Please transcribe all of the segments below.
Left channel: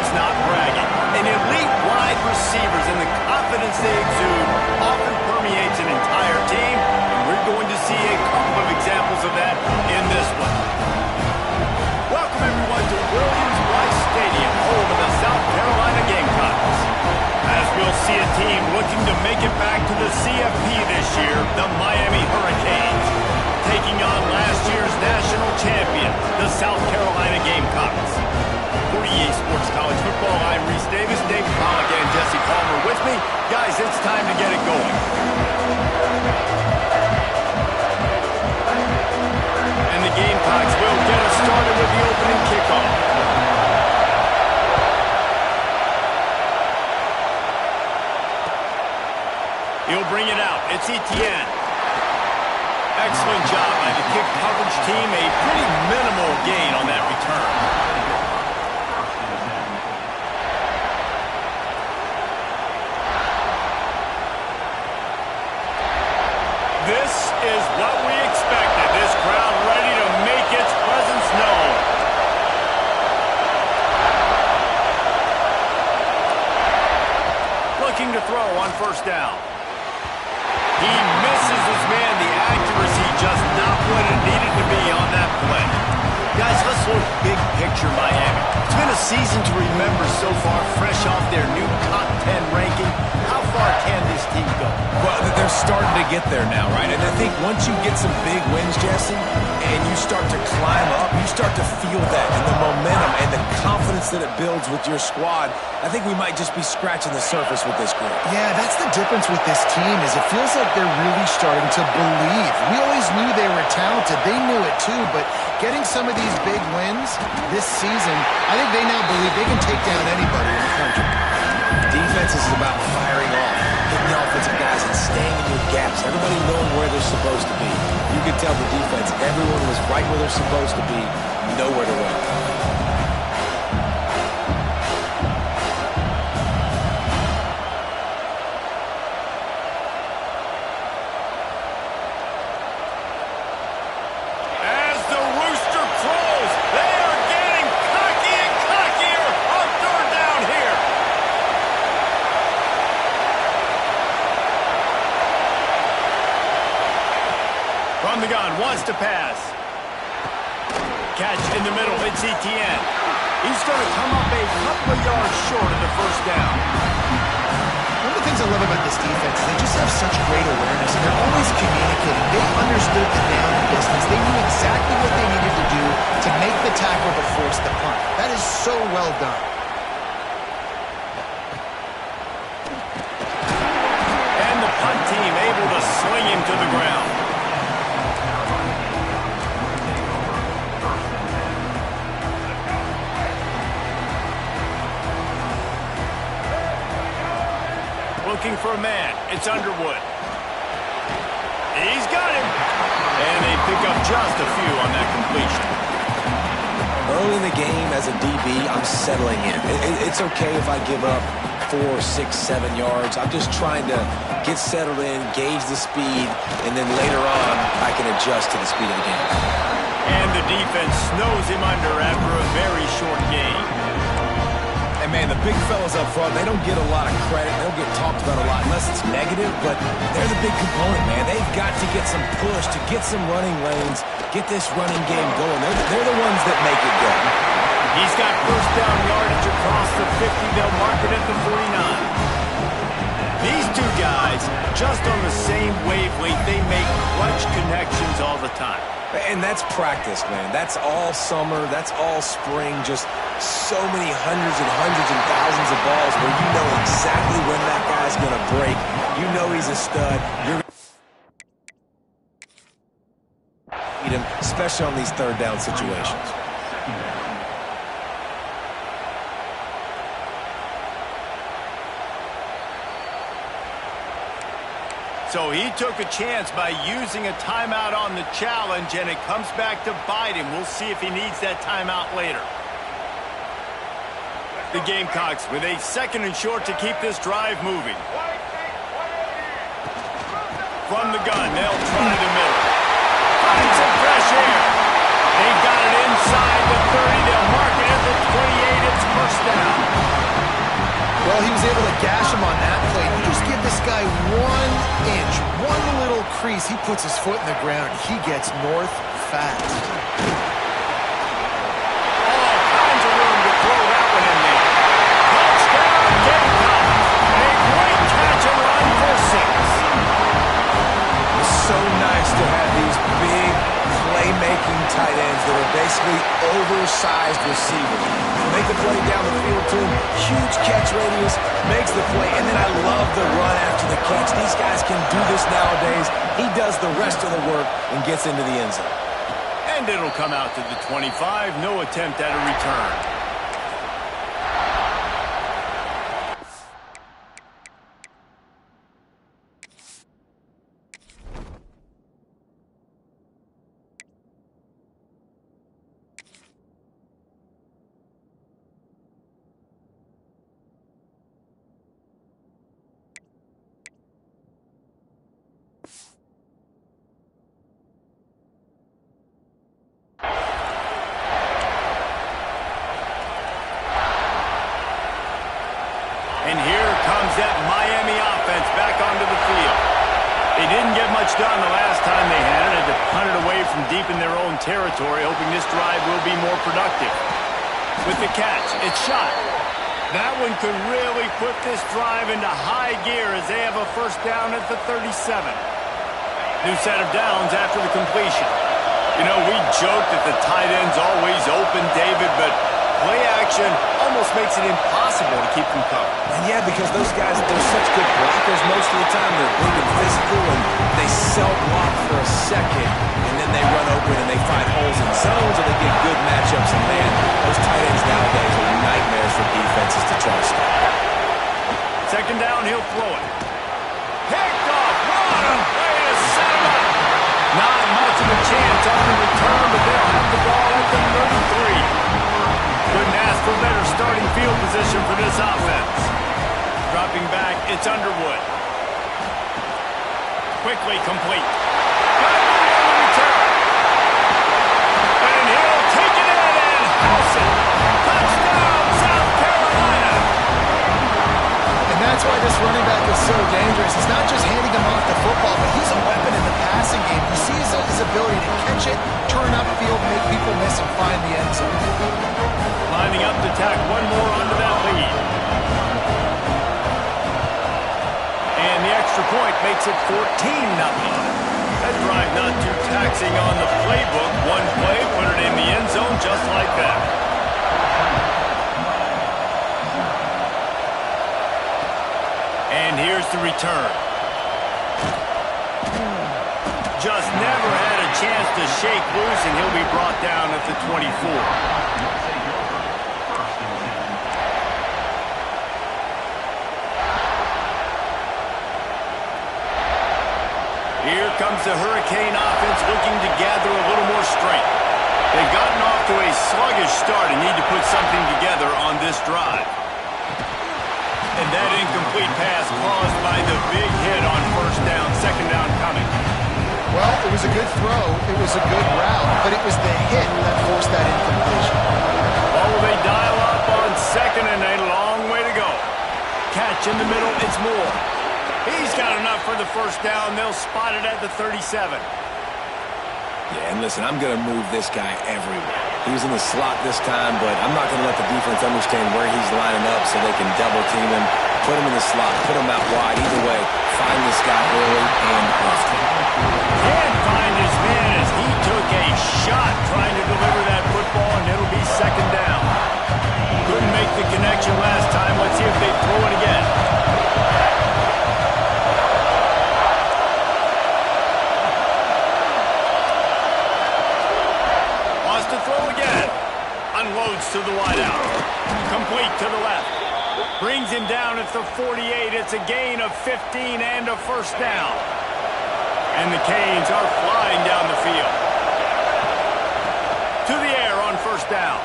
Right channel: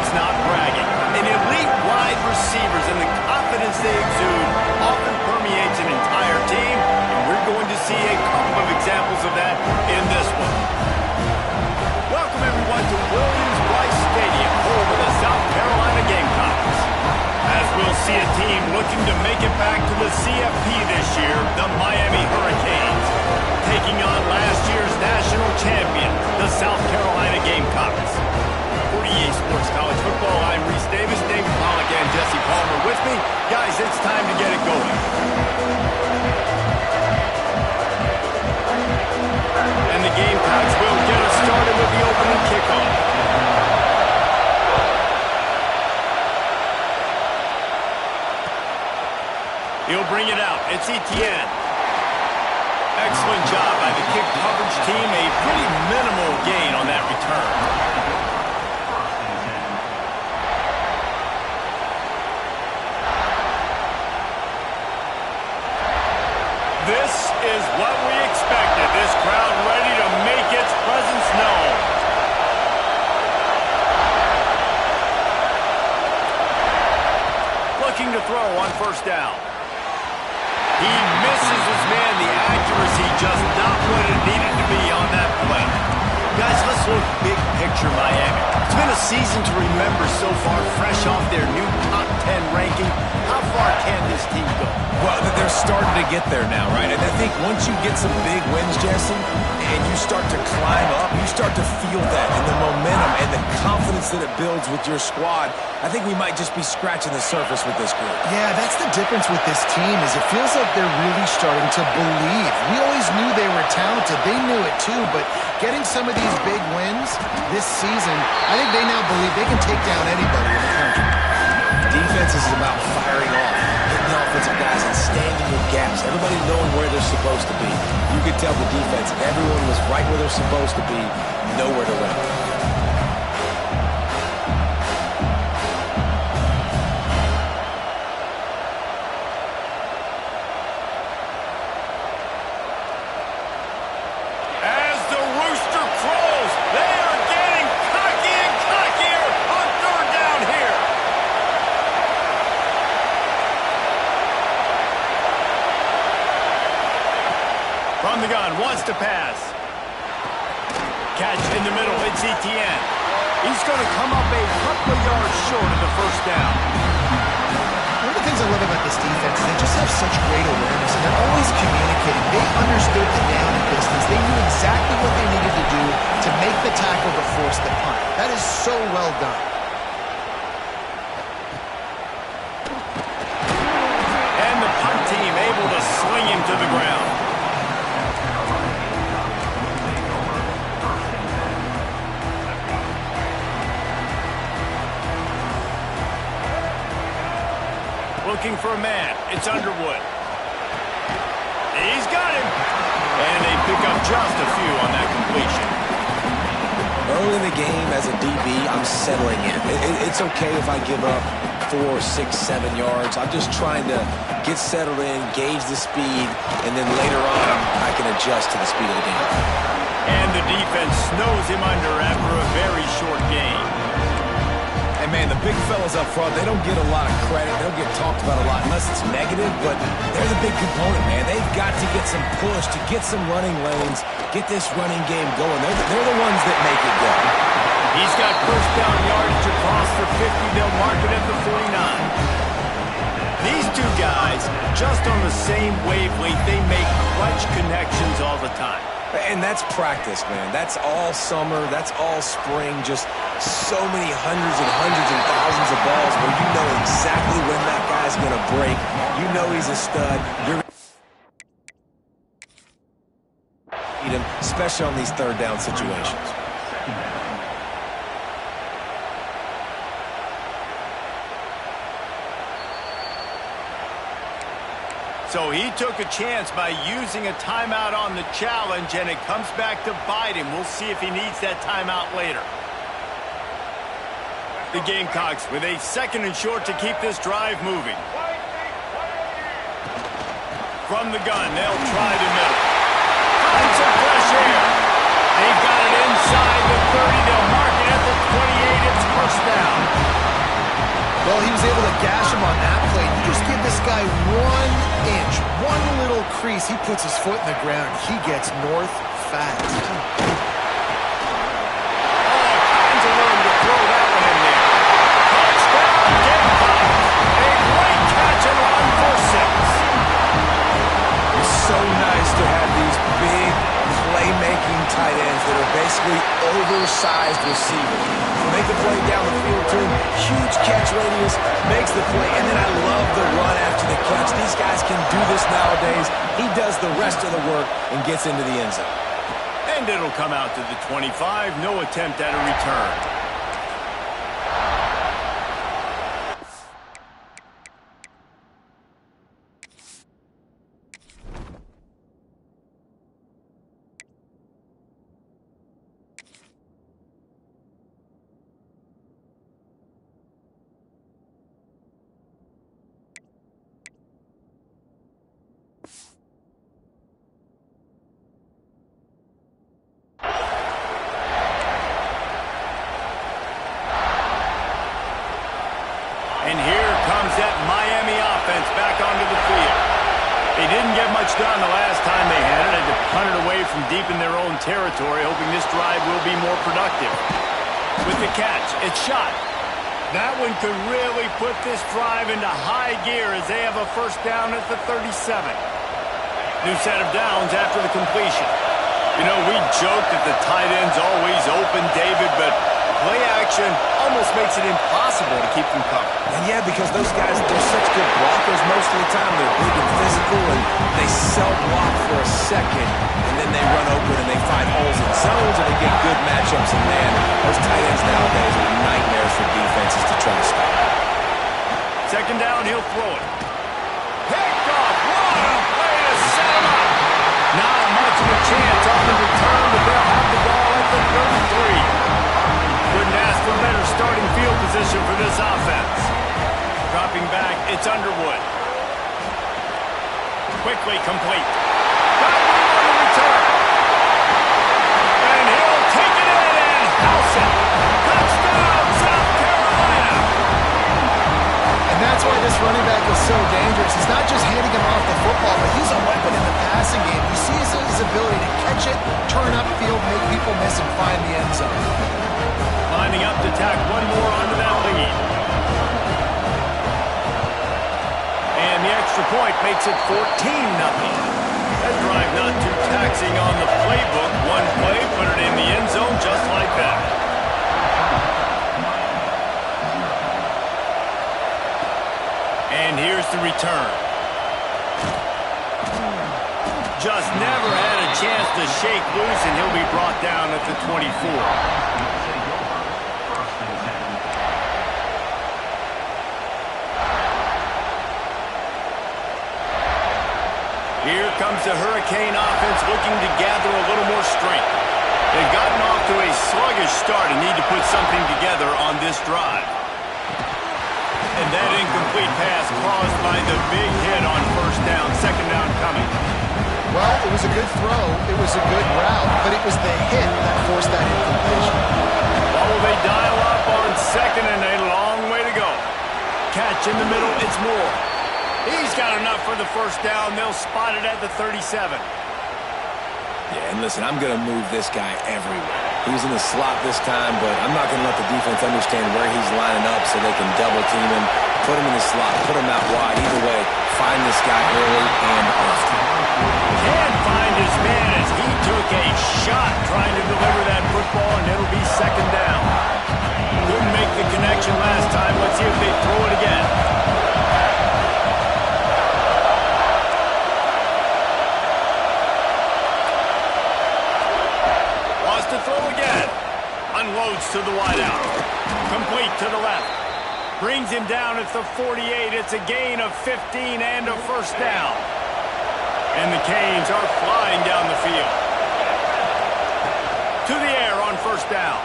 It's not bragging. And elite wide receivers and the confidence they exude often permeates an entire team, and we're going to see a couple of examples of that in this one. Welcome, everyone, to Williams-Brice Stadium, home of the South Carolina Gamecocks. As we'll see a team looking to make it back to the CFP this year, the Miami Hurricanes, taking on last year's national champion, the South Carolina Gamecocks. For EA Sports College Football, I'm Reese Davis, David Pollack, and Jesse Palmer with me. Guys, it's time to get it going. And the Gamecocks will get us started with the opening kickoff. He'll bring it out. It's Etienne. Excellent job by the kick coverage team. A pretty minimal gain on that return. This is what we expected. This crowd ready to make its presence known. Looking to throw on first down. He misses his man. The accuracy just not what it needed to be on that play. Guys, let's look big picture Miami. It's been a season to remember so far, fresh off their new top 10 ranking. How far can this team go? Well, they're starting to get there now, right? And I think once you get some big wins, Jesse, and you start to climb up, you start to feel that and the momentum and the confidence that it builds with your squad. I think we might just be scratching the surface with this group. Yeah, that's the difference with this team is it feels like they're really starting to believe. We always knew they were talented. They knew it too, but getting some of these big wins this season, I think they now believe they can take down anybody in the country. Defense is about firing off, hitting the offensive guys and staying in your gaps. Everybody knowing where they're supposed to be. You could tell the defense, everyone was right where they're supposed to be, nowhere to run. From the gun, wants to pass. Catch in the middle, it's Etienne. He's going to come up a couple of yards short of the first down. One of the things I love about this defense is they just have such great awareness, and they're always communicating. They understood the down and distance. They knew exactly what they needed to do to make the tackle to force the punt. That is so well done. And the punt team able to sling him to the ground. Looking for a man. It's Underwood. He's got him. And they pick up just a few on that completion. Early in the game as a DB, I'm settling in. It's okay if I give up 4, 6, 7 yards. I'm just trying to get settled in, gauge the speed, and then later on, I can adjust to the speed of the game. And the defense snows him under after a very short game. Hey, man, the big fellas up front, they don't get a lot of credit. They don't get talked about a lot unless it's negative, but they're the big component, man. They've got to get some push, to get some running lanes, get this running game going. They're the ones that make it go. He's got first down yardage across the 50. They'll mark it at the 49. These two guys, just on the same wavelength, they make clutch connections all the time. And that's practice, man. That's all summer. That's all spring. Just so many hundreds and thousands of balls where you know exactly when that guy's going to break. You know he's a stud. You're need him, especially on these third down situations. So he took a chance by using a timeout on the challenge, and it comes back to bite him. We'll see if he needs that timeout later. The Gamecocks with a 2nd and short to keep this drive moving. From the gun, they'll try the middle. Find some fresh air. They've got it inside the 30. They'll mark it at the 28. It's first down. Well, he was able to gash him on that play. You just give this guy 1 inch, one little crease, he puts his foot in the ground, he gets north fast. All kinds of room to throw that one in there. Touchdown, Gamecocks. A great catch and run for 6. It's so nice to have these big playmaking tight ends that are basically oversized receivers. Make the play down the field to him, huge catch radius, makes the play, and then I love the run after the catch. These guys can do this nowadays. He does the rest of the work and gets into the end zone. And it'll come out to the 25. No attempt at a return. And here comes that Miami offense back onto the field. They didn't get much done the last time they had it. Had to punt it away from deep in their own territory, hoping this drive will be more productive. With the catch, it's shot. That one could really put this drive into high gear as they have a first down at the 37. New set of downs after the completion. You know, we joke that the tight end's always open, David, but play action almost makes it impossible to keep them covered. And yeah, because those guys, they're such good blockers most of the time. They're big and physical, and they self-block for a second, and then they run open and they find holes in zones, or they get good matchups. And man, those tight ends nowadays are nightmares for defenses to try to stop. Second down, he'll throw it. Picked off. What a way to set him up. Not much of a chance on the return, but they'll have the ball at the 33. Couldn't ask for better starting field position for this offense. Dropping back, it's Underwood. Quickly complete. Got room on the return. And he'll take it in and house it. Touchdown, South Carolina. And that's why this running back is so dangerous. He's not just handing him off the football, but he's a weapon in the passing game. You see his ability to catch it, turn upfield, make people miss, and find the end zone. Lining up to tack one more onto that lead. And the extra point makes it 14-0. That drive not too taxing on the playbook. One play, put it in the end zone just like that. And here's the return. Just never had a chance to shake loose, and he'll be brought down at the 24. Here comes the Hurricane offense looking to gather a little more strength. They've gotten off to a sluggish start and need to put something together on this drive. And that incomplete pass caused by the big hit on first down, second down coming. Well, it was a good throw, it was a good route, but it was the hit that forced that incompletion. Oh, they dial up on second and a long way to go. Catch in the middle, it's Moore. He's got enough for the first down. They'll spot it at the 37. Yeah, and listen, I'm going to move this guy everywhere. He's in the slot this time, but I'm not going to let the defense understand where he's lining up so they can double team him, put him in the slot, put him out wide. Either way, find this guy early and often. Can't find his man as he took a shot trying to deliver that football, and it'll be second down. Couldn't make the connection last time. Let's see if they throw it again. To throw again. Unloads to the wideout. Complete to the left. Brings him down at the 48. It's a gain of 15 and a first down. And the Canes are flying down the field. To the air on first down.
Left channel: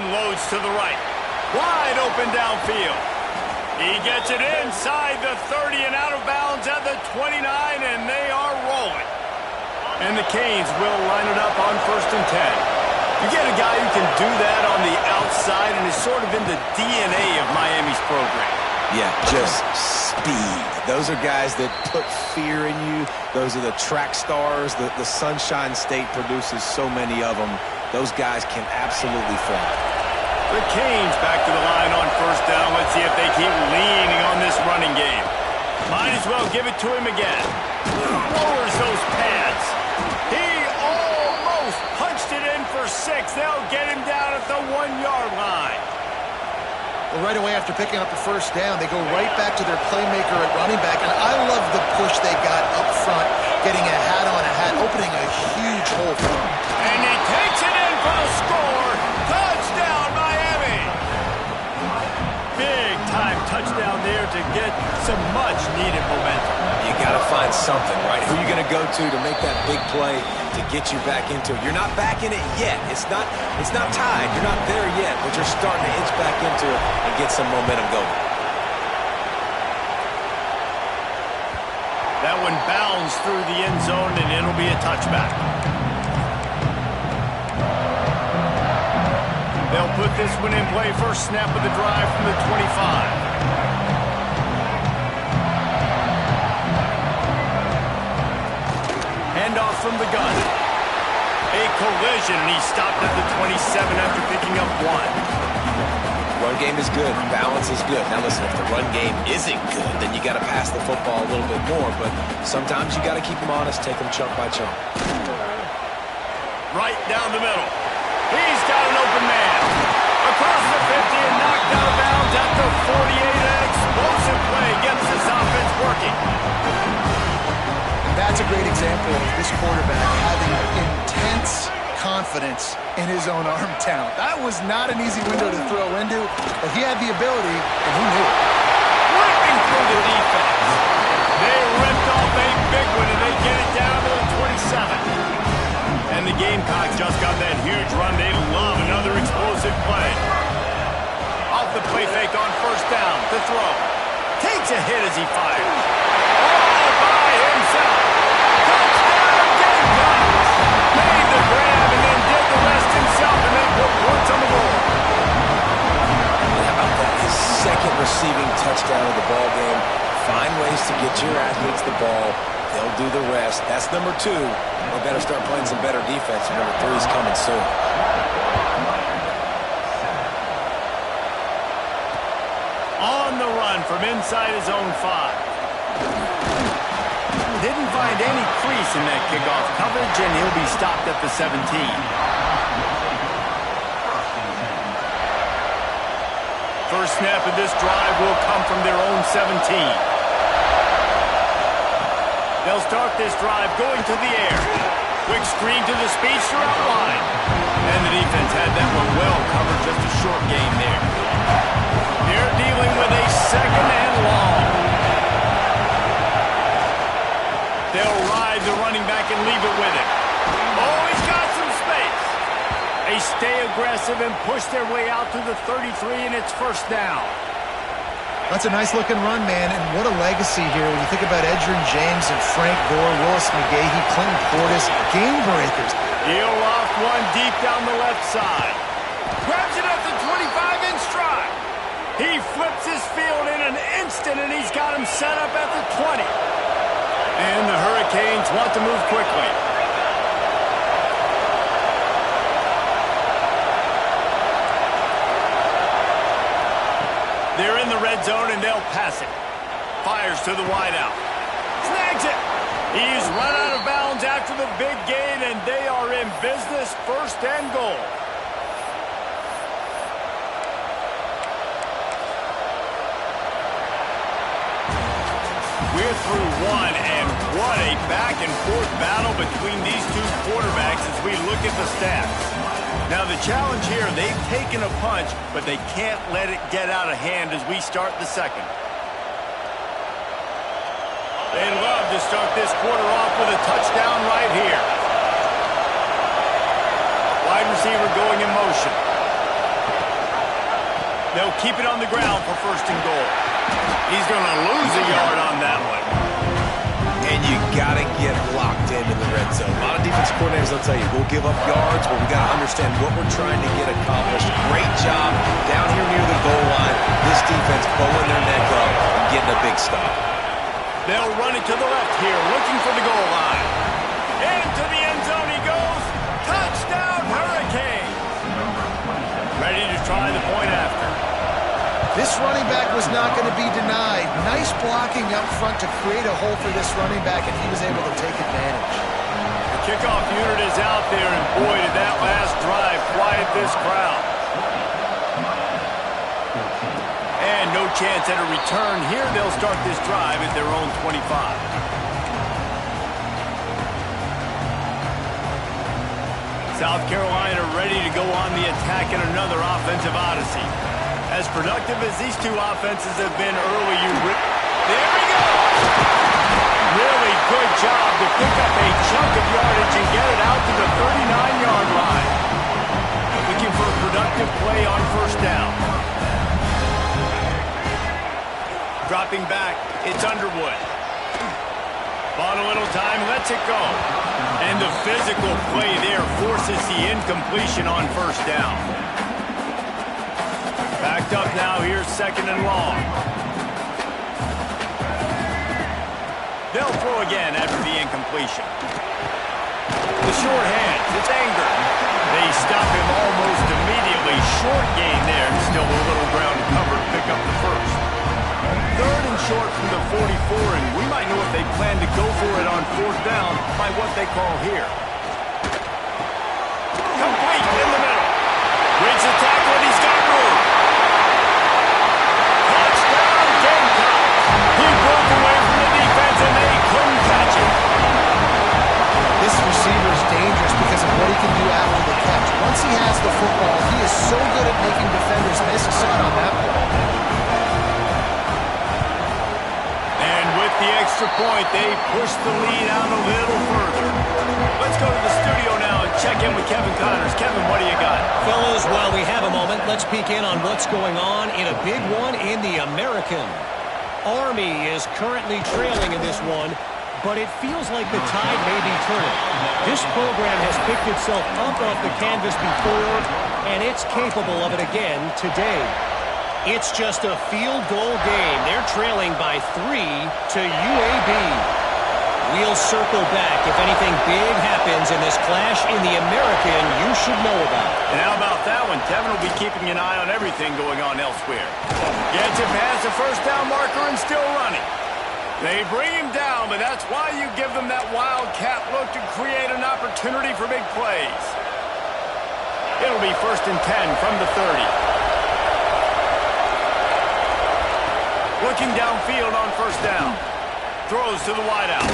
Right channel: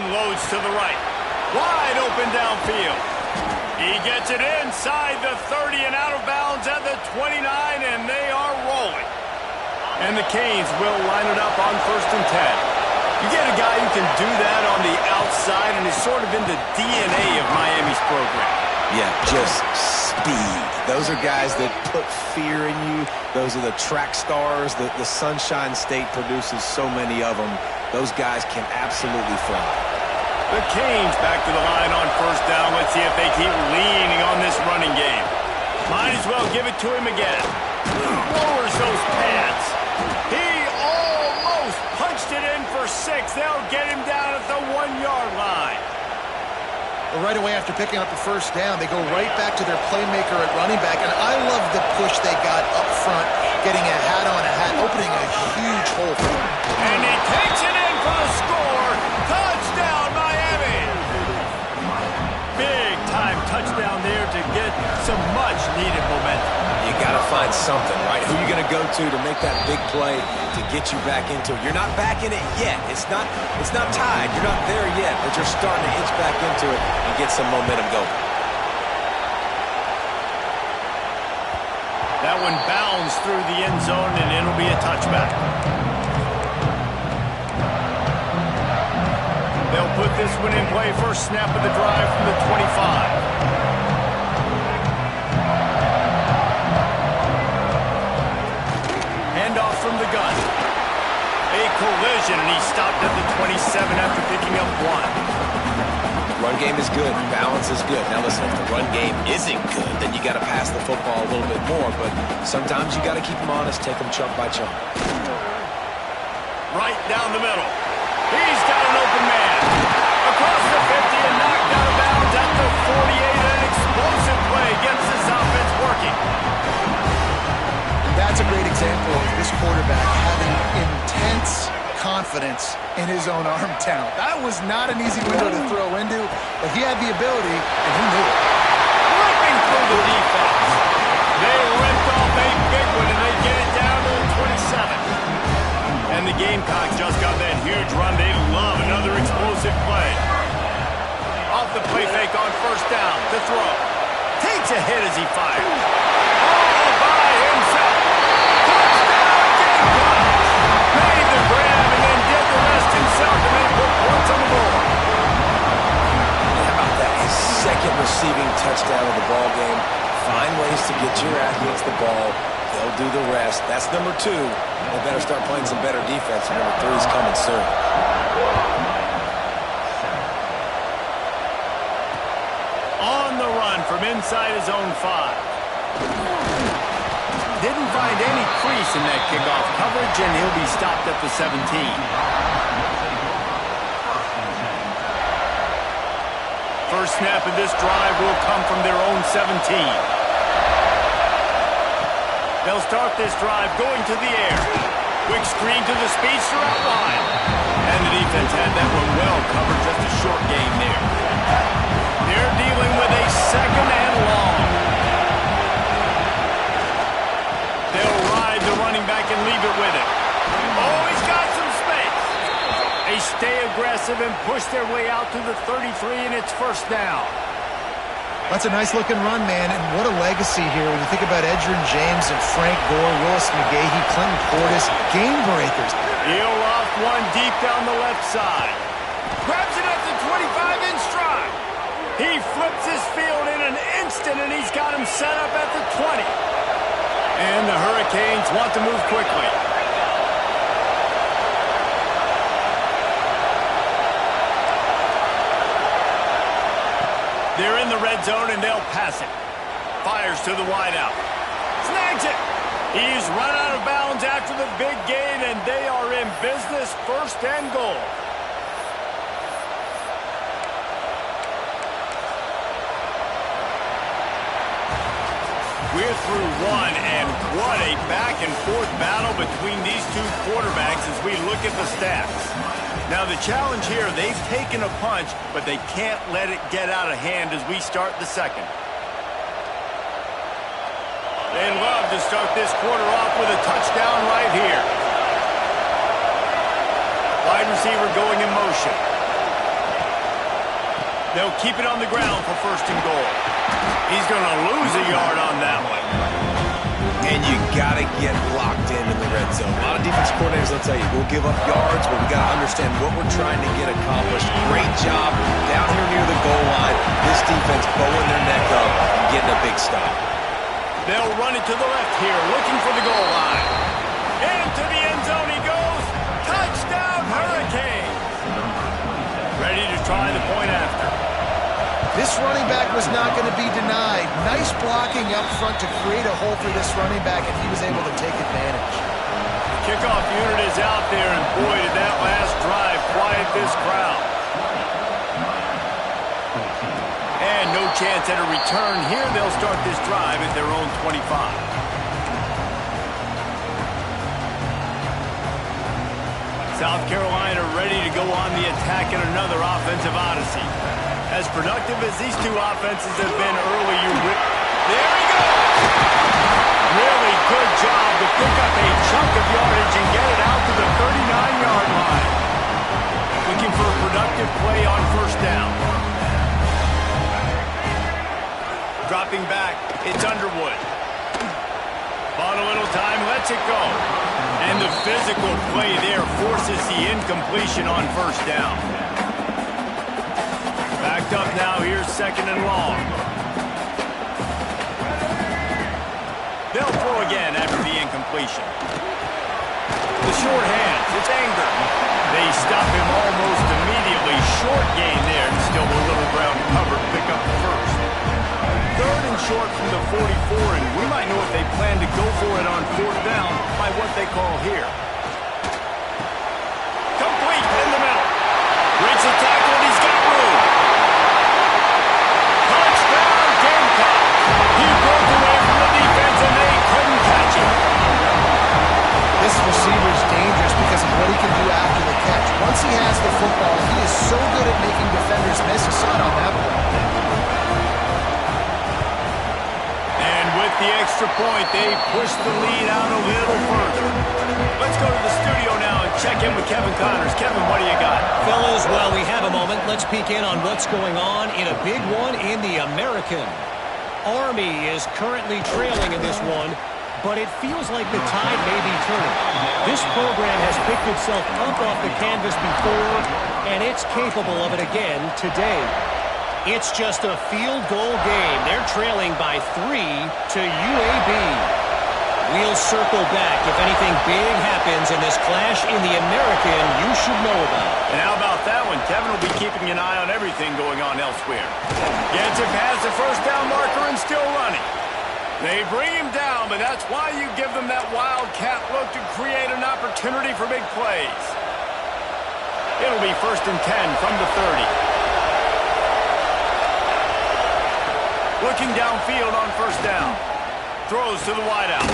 Unloads to the right. Wide open downfield. He gets it inside the 30 and out of bounds at the 29, and they are rolling. And the Canes will line it up on 1st and 10. You get a guy who can do that on the outside and is sort of in the DNA of Miami's program. Yeah, just speed. Those are guys that put fear in you. Those are the track stars. The Sunshine State produces so many of them. Those guys can absolutely fly. The Canes back to the line on first down. Let's see if they keep leaning on this running game. Might as well give it to him again. Lowers those pads. He almost punched it in for 6. They'll get him down at the 1-yard line. Well, right away after picking up a first down, they go right back to their playmaker at running back. And I love the push they got up front, getting a hat on a hat, opening a huge hole for them. And he takes it in for the score. Touchdown, Miami. Big-time touchdown there to get some much-needed momentum. You got to find something, right? Who are you going to go to make that big play to get you back into it? You're not back in it yet. It's not tied. You're not there yet, but you're starting to inch back into it and get some momentum going. That one bounds through the end zone, and it'll be a touchback. They'll put this one in play. First snap of the drive from the 25. Handoff from the gun. A collision, and he stopped at the 27 after picking up 1. Run game is good. Balance is good. Now listen, if the run game isn't good, then you got to pass the football a little bit more. But sometimes you got to keep them honest, take them chunk by chunk. Right down the middle. He's got an open man. Across the 50 and knocked out of bounds at the 48. An explosive play gets this offense working. And that's a great example of this quarterback having intense confidence in his own arm talent. That was not an easy window to throw into, but he had the ability, and he knew it. Ripping through the defense. They ripped off a big one, and they get it down to the 27. And the Gamecocks just got that huge run. They love another explosive play. Off the play fake on first down to throw. Takes a hit as he fires. All by himself. Touchdown Gamecocks. Made the grab and then did the rest himself, and they put points on the board. How about that? His second receiving touchdown of the ball game. Find ways to get your athletes the ball. They'll do the rest. That's number 2. They better start playing some better defense. Number 3 is coming soon. On the run from inside his own 5. Didn't find any crease in that kickoff coverage, and he'll be stopped at the 17. First snap of this drive will come from their own 17. They'll start this drive going to the air. Quick screen to the speedster out wide. And the defense had that one well covered, just a short gain there. They're dealing with a second and long. They'll ride the running back and leave it with him. Oh, he's got some space. They stay aggressive and push their way out to the 33, and it's first down. That's a nice-looking run, man, and what a legacy here when you think about Edgerrin James and Frank Gore, Willis McGahee, Clinton Portis, game breakers. He'll loft one deep down the left side. Grabs it at the 25 in stride. He flips his field in an instant, and he's got him set up at the 20. And the Hurricanes want to move quickly. They're in the red zone, and they'll pass it. Fires to the wideout. Snags it. He's run out of bounds after the big gain, and they are in business, first and goal. We're through one, and what a back-and-forth battle between these two quarterbacks as we look at the stats. Now, the challenge here, they've taken a punch, but they can't let it get out of hand as we start the second. They love to start this quarter off with a touchdown right here. Wide receiver going in motion. They'll keep it on the ground for first and goal. He's going to lose a yard on that one. and you got to get locked in the red zone. A lot of defense coordinators will tell you, we'll give up yards, but we got to understand what we're trying to get accomplished. Great job down here near the goal line. This defense bowing their neck up and getting a big stop. They'll run it to the left here, looking for the goal line. Into the end zone he goes. Touchdown, Hurricanes. Ready to try the point after. This running back was not going to be denied. Nice blocking up front to create a hole for this running back, and he was able to take advantage. The kickoff unit is out there, and boy, did that last drive quiet this crowd. And no chance at a return here. They'll start this drive at their own 25. South Carolina ready to go on the attack in another offensive odyssey. As productive as these two offenses have been early, there he goes! Really good job to pick up a chunk of yardage and get it out to the 39-yard line. Looking for a productive play on first down. Dropping back, it's Underwood. Bought a little time, lets it go. And the physical play there forces the incompletion on first down. Backed up now, here's second and long. They'll throw again after the incompletion. The short hands, it's Anger. They stop him almost immediately. Short gain there, and still a little ground to cover to pick up the first. Third and short from the 44, and we might know if they plan to go for it on fourth down by what they call here. Complete in the middle. Breaks the tackle, and he's got room. Touchdown, Gamecocks. He broke away from the defense, and they couldn't catch him. This receiver is dangerous because of what he can do after the catch. Once he has the football, he is so good at making defenders miss. You saw it on that play. And with the extra point, they push the lead out a little further. Let's go to the studio now and check in with Kevin Connors. Kevin, what do you got? Fellas, while we have a moment, let's peek in on what's going on in a big one in the American. Army is currently trailing in this one, but it feels like the tide may be turning. This program has picked itself up off the canvas before, and it's capable of it again today. It's just a field goal game. They're trailing by 3 to UAB. We'll circle back if anything big happens in this clash in the American you should know about. And how about that one? Kevin will be keeping an eye on everything going on elsewhere. Gets it past the first down marker and still running. They bring him down, but that's why you give them that wildcat look to create an opportunity for big plays. It'll be 1st and 10 from the 30. Looking downfield on first down. Throws to the wideout.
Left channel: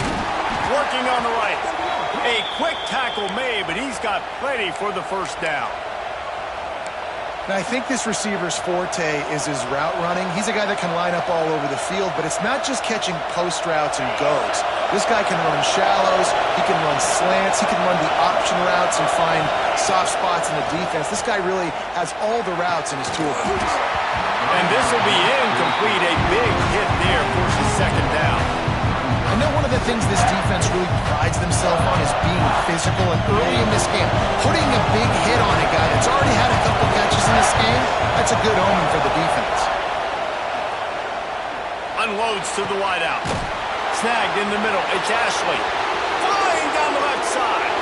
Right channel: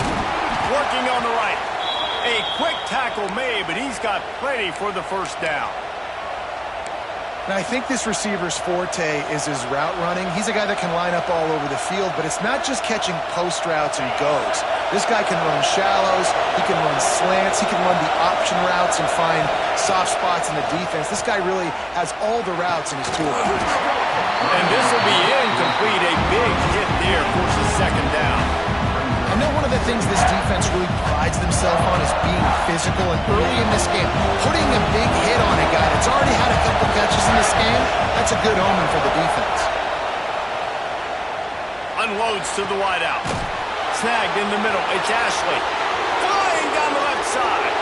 Working on the right. A quick tackle made, but he's got plenty for the first down. Now, I think this receiver's forte is his route running. He's a guy that can line up all over the field, but it's not just catching post routes and goes. This guy can run shallows, he can run slants, he can run the option routes and find soft spots in the defense. This guy really has all the routes in his toolbox. And this will be incomplete. A big hit there forces second down. I know one of the things this defense really prides themselves on is being physical, and early in this game, putting a big hit on a guy that's already had a couple catches in this game, that's a good omen for the defense. Unloads to the wideout. Snagged in the middle. It's Ashley. Flying down the left side.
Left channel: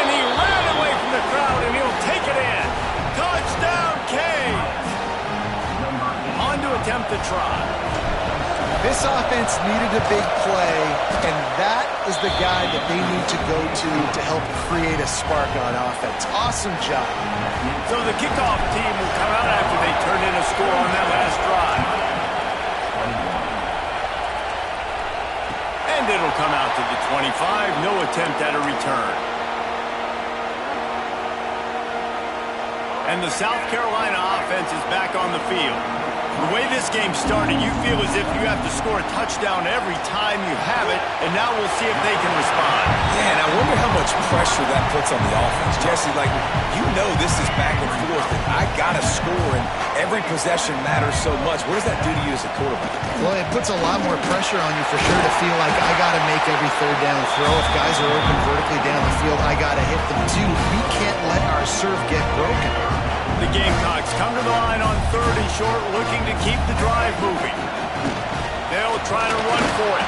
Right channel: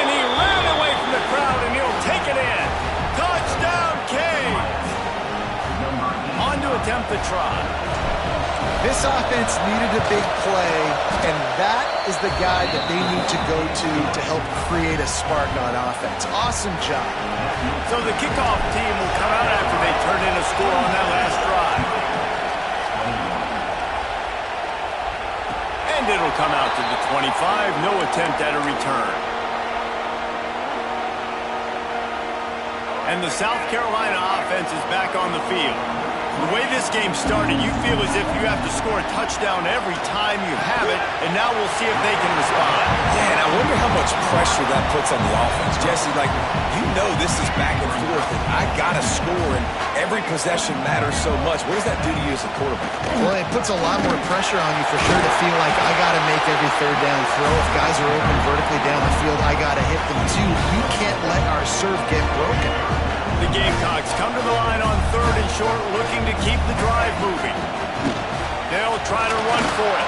And he ran away from the crowd, and he'll take it in. Touchdown, Canes. On to attempt the try. This offense needed a big play, and that is the guy that they need to go to help create a spark on offense. Awesome job. So the kickoff team will come out after they turn in a score on that last drive. And it'll come out to the 25. No attempt at a return. And the South Carolina offense is back on the field. The way this game started, you feel as if you have to score a touchdown every time you have it, and now we'll see if they can respond. Yeah, and I wonder how much pressure that puts on the offense. Jesse, like, you know this is back and forth, and I got to score, and every possession matters so much. What does that do to you as a quarterback? Well, it puts a lot more pressure on you for sure to feel like I got to make every third down throw. If guys are open vertically down the field, I got to hit them too. We can't let our serve get broken. The Gamecocks come to the line on 3rd and short, looking to keep the drive moving. They'll try to run for it.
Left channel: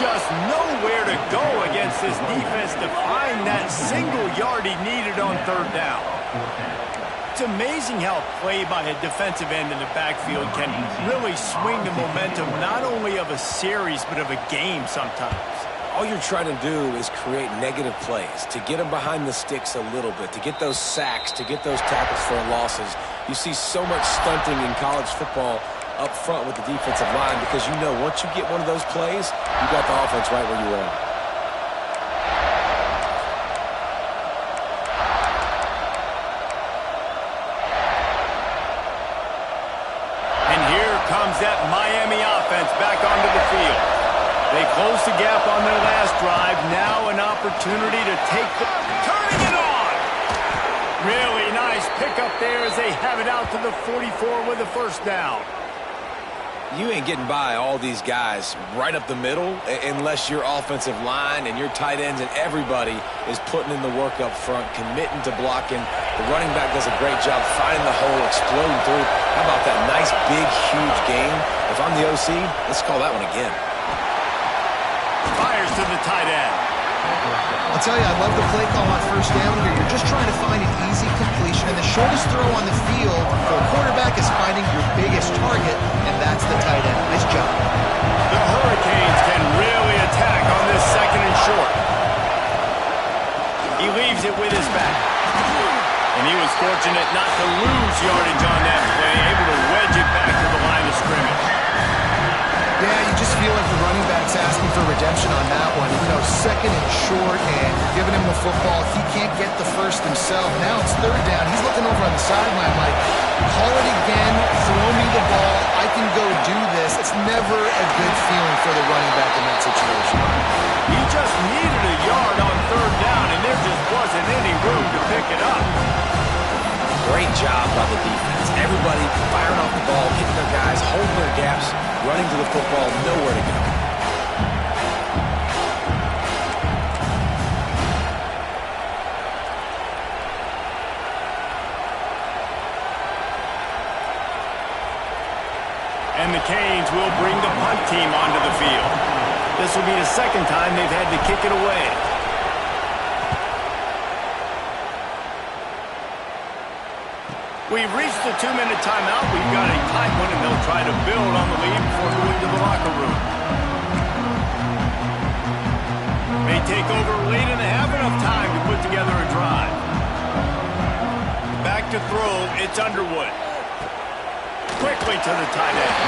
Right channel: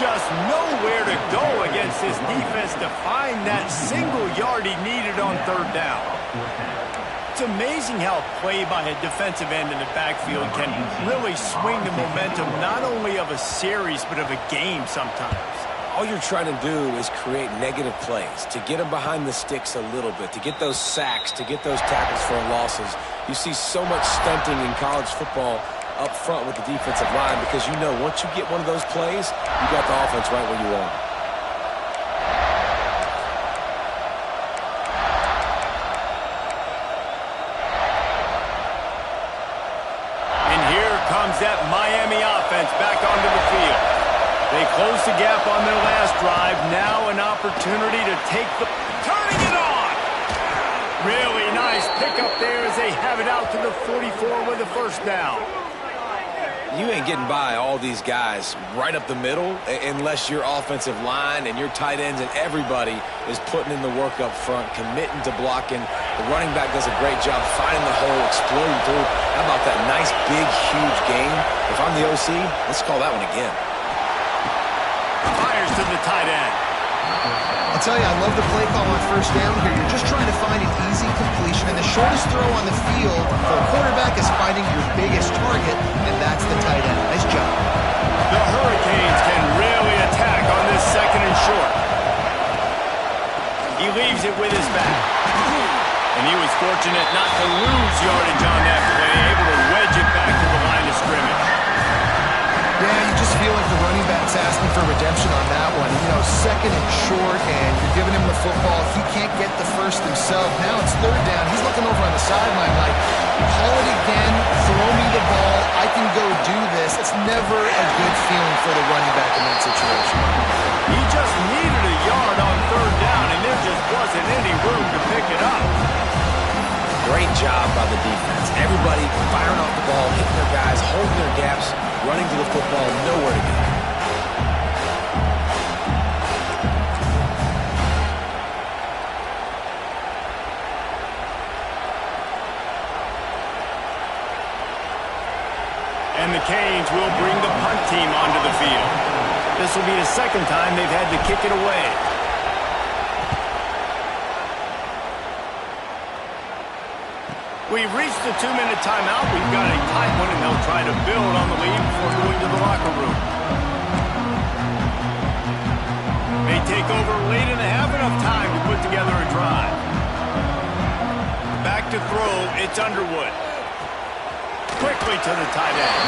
Just nowhere to go against this defense to find that single yard he needed on 3rd down. It's amazing how a play by a defensive end in the backfield can really swing the momentum not only of a series but of a game sometimes. All you're trying to do is create negative plays, to get them behind the sticks a little bit, to get those sacks, to get those tackles for losses. You see so much stunting in college football up front with the defensive line because you know once you get one of those plays, you got the offense right where you want it. And here comes that Miami offense back onto the field. They closed the gap on their last drive. Now an opportunity to take the... Turning it on! Really nice pickup there as they have it out to the 44 with a 1st down. You ain't getting by all these guys right up the middle unless your offensive line and your tight ends and everybody is putting in the work up front, committing to blocking. The running back does a great job finding the hole, exploding through. How about that nice, big, huge gain? If I'm the OC, let's call that one again. Fires to the tight end. I'll tell you, I love the play call on 1st down here. You're just trying to find an easy completion, and the shortest throw on the field for a quarterback is finding your biggest target, and that's the tight end. Nice job. The Hurricanes can really attack on this 2nd and short. He leaves it with his back. And he was fortunate not to lose yardage on that play, able to wedge it back to the line of scrimmage. Yeah, you just feel like the running back's asking for redemption on that one. You know, 2nd and short, and you're giving him the football. He can't get the first himself. Now it's 3rd down. He's looking over on the sideline like, call it again, throw me the ball, I can go do this. It's never a good feeling for the running back in that situation. He just needed a yard on 3rd down, and there just wasn't any room to pick it up. Great job by the defense. Everybody firing off the ball, hitting their guys, holding their gaps, running to the football, nowhere to go. And the Canes will bring the punt team onto the field. This will be the 2nd time they've had to kick it away. We've reached the 2-minute timeout. We've got a tight one, and they'll try to build on the lead before going to the locker room. May take over late and have enough time to put together a drive. Back to throw, it's Underwood. Quickly to the tight end.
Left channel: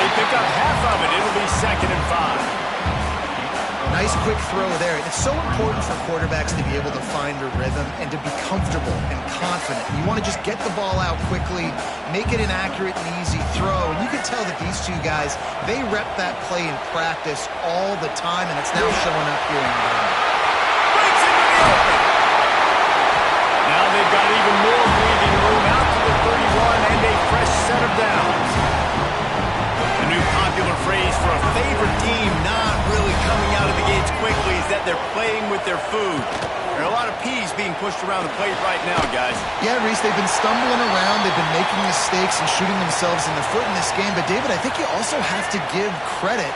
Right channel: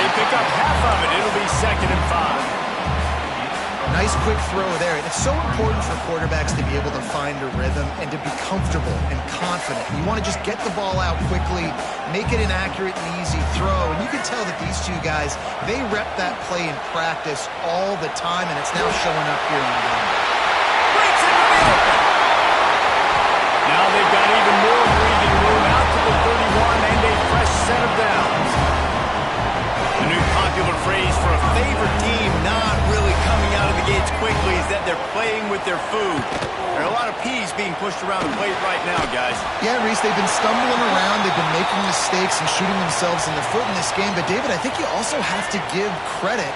They pick up half of it. It'll be 2nd and 5. Nice quick throw there. It's so important for quarterbacks to be able to find a rhythm and to be comfortable and confident. You want to just get the ball out quickly, make it an accurate and easy throw. And you can tell that these two guys, they rep that play in practice all the time, and it's now showing up here in the game. Breaks into the open. Now they've got even more breathing room out to the 31 and a fresh set of downs. A new popular phrase for a favorite team not really coming out of the gates quickly is that they're playing with their food. There are a lot of peas being pushed around the plate right now, guys. Yeah, Reese, they've been stumbling around. They've been making mistakes and shooting themselves in the foot in this game. But, David, I think you also have to give credit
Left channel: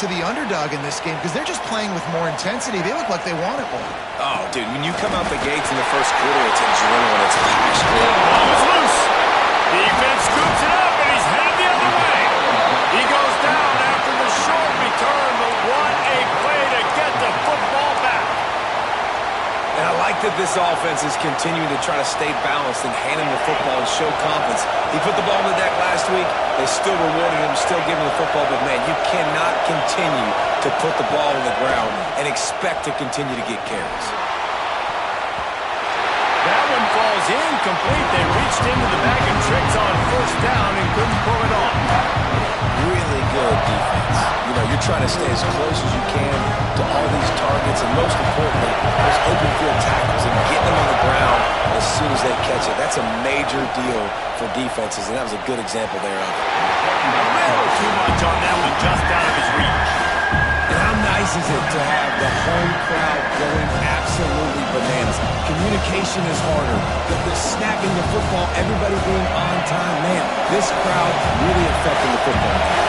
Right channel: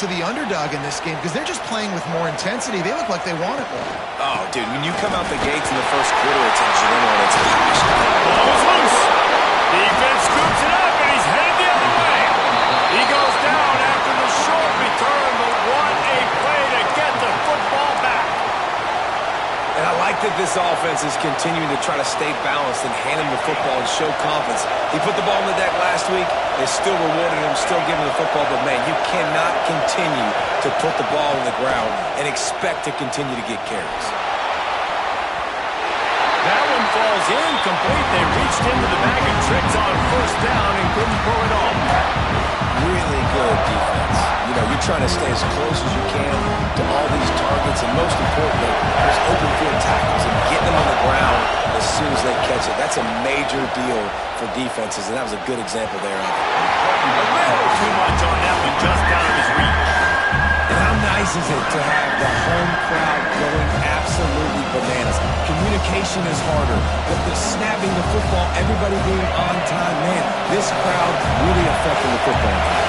to the underdog in this game because they're just playing with more intensity. They look like they want it more. Oh, dude, when you come out the gates in the first quarter, it's adrenaline, it's passion. Ball is loose. Defense scoops it up, and he's headed the other way. He goes down after the short return, but what a play to get the football back. And I like that this offense is continuing to try to stay balanced and hand him the football and show confidence. He put the ball on the deck last week. They still rewarded him, still giving him the football. But, man, you cannot continue to put the ball on the ground and expect to continue to get carries. That one falls incomplete. They reached into the bag of tricks on first down and couldn't pull it off. Really good defense. You know, you're trying to stay as close as you can to all these targets, and most importantly, those open field tackles and getting them on the ground as soon as they catch it. That's a major deal for defenses, and that was a good example there of it. A little too much on that one, just out of his reach. And how nice is it to have the home crowd going absolutely bananas? Communication is harder. The snapping the football, everybody being on time. Man, this crowd really affecting the football game.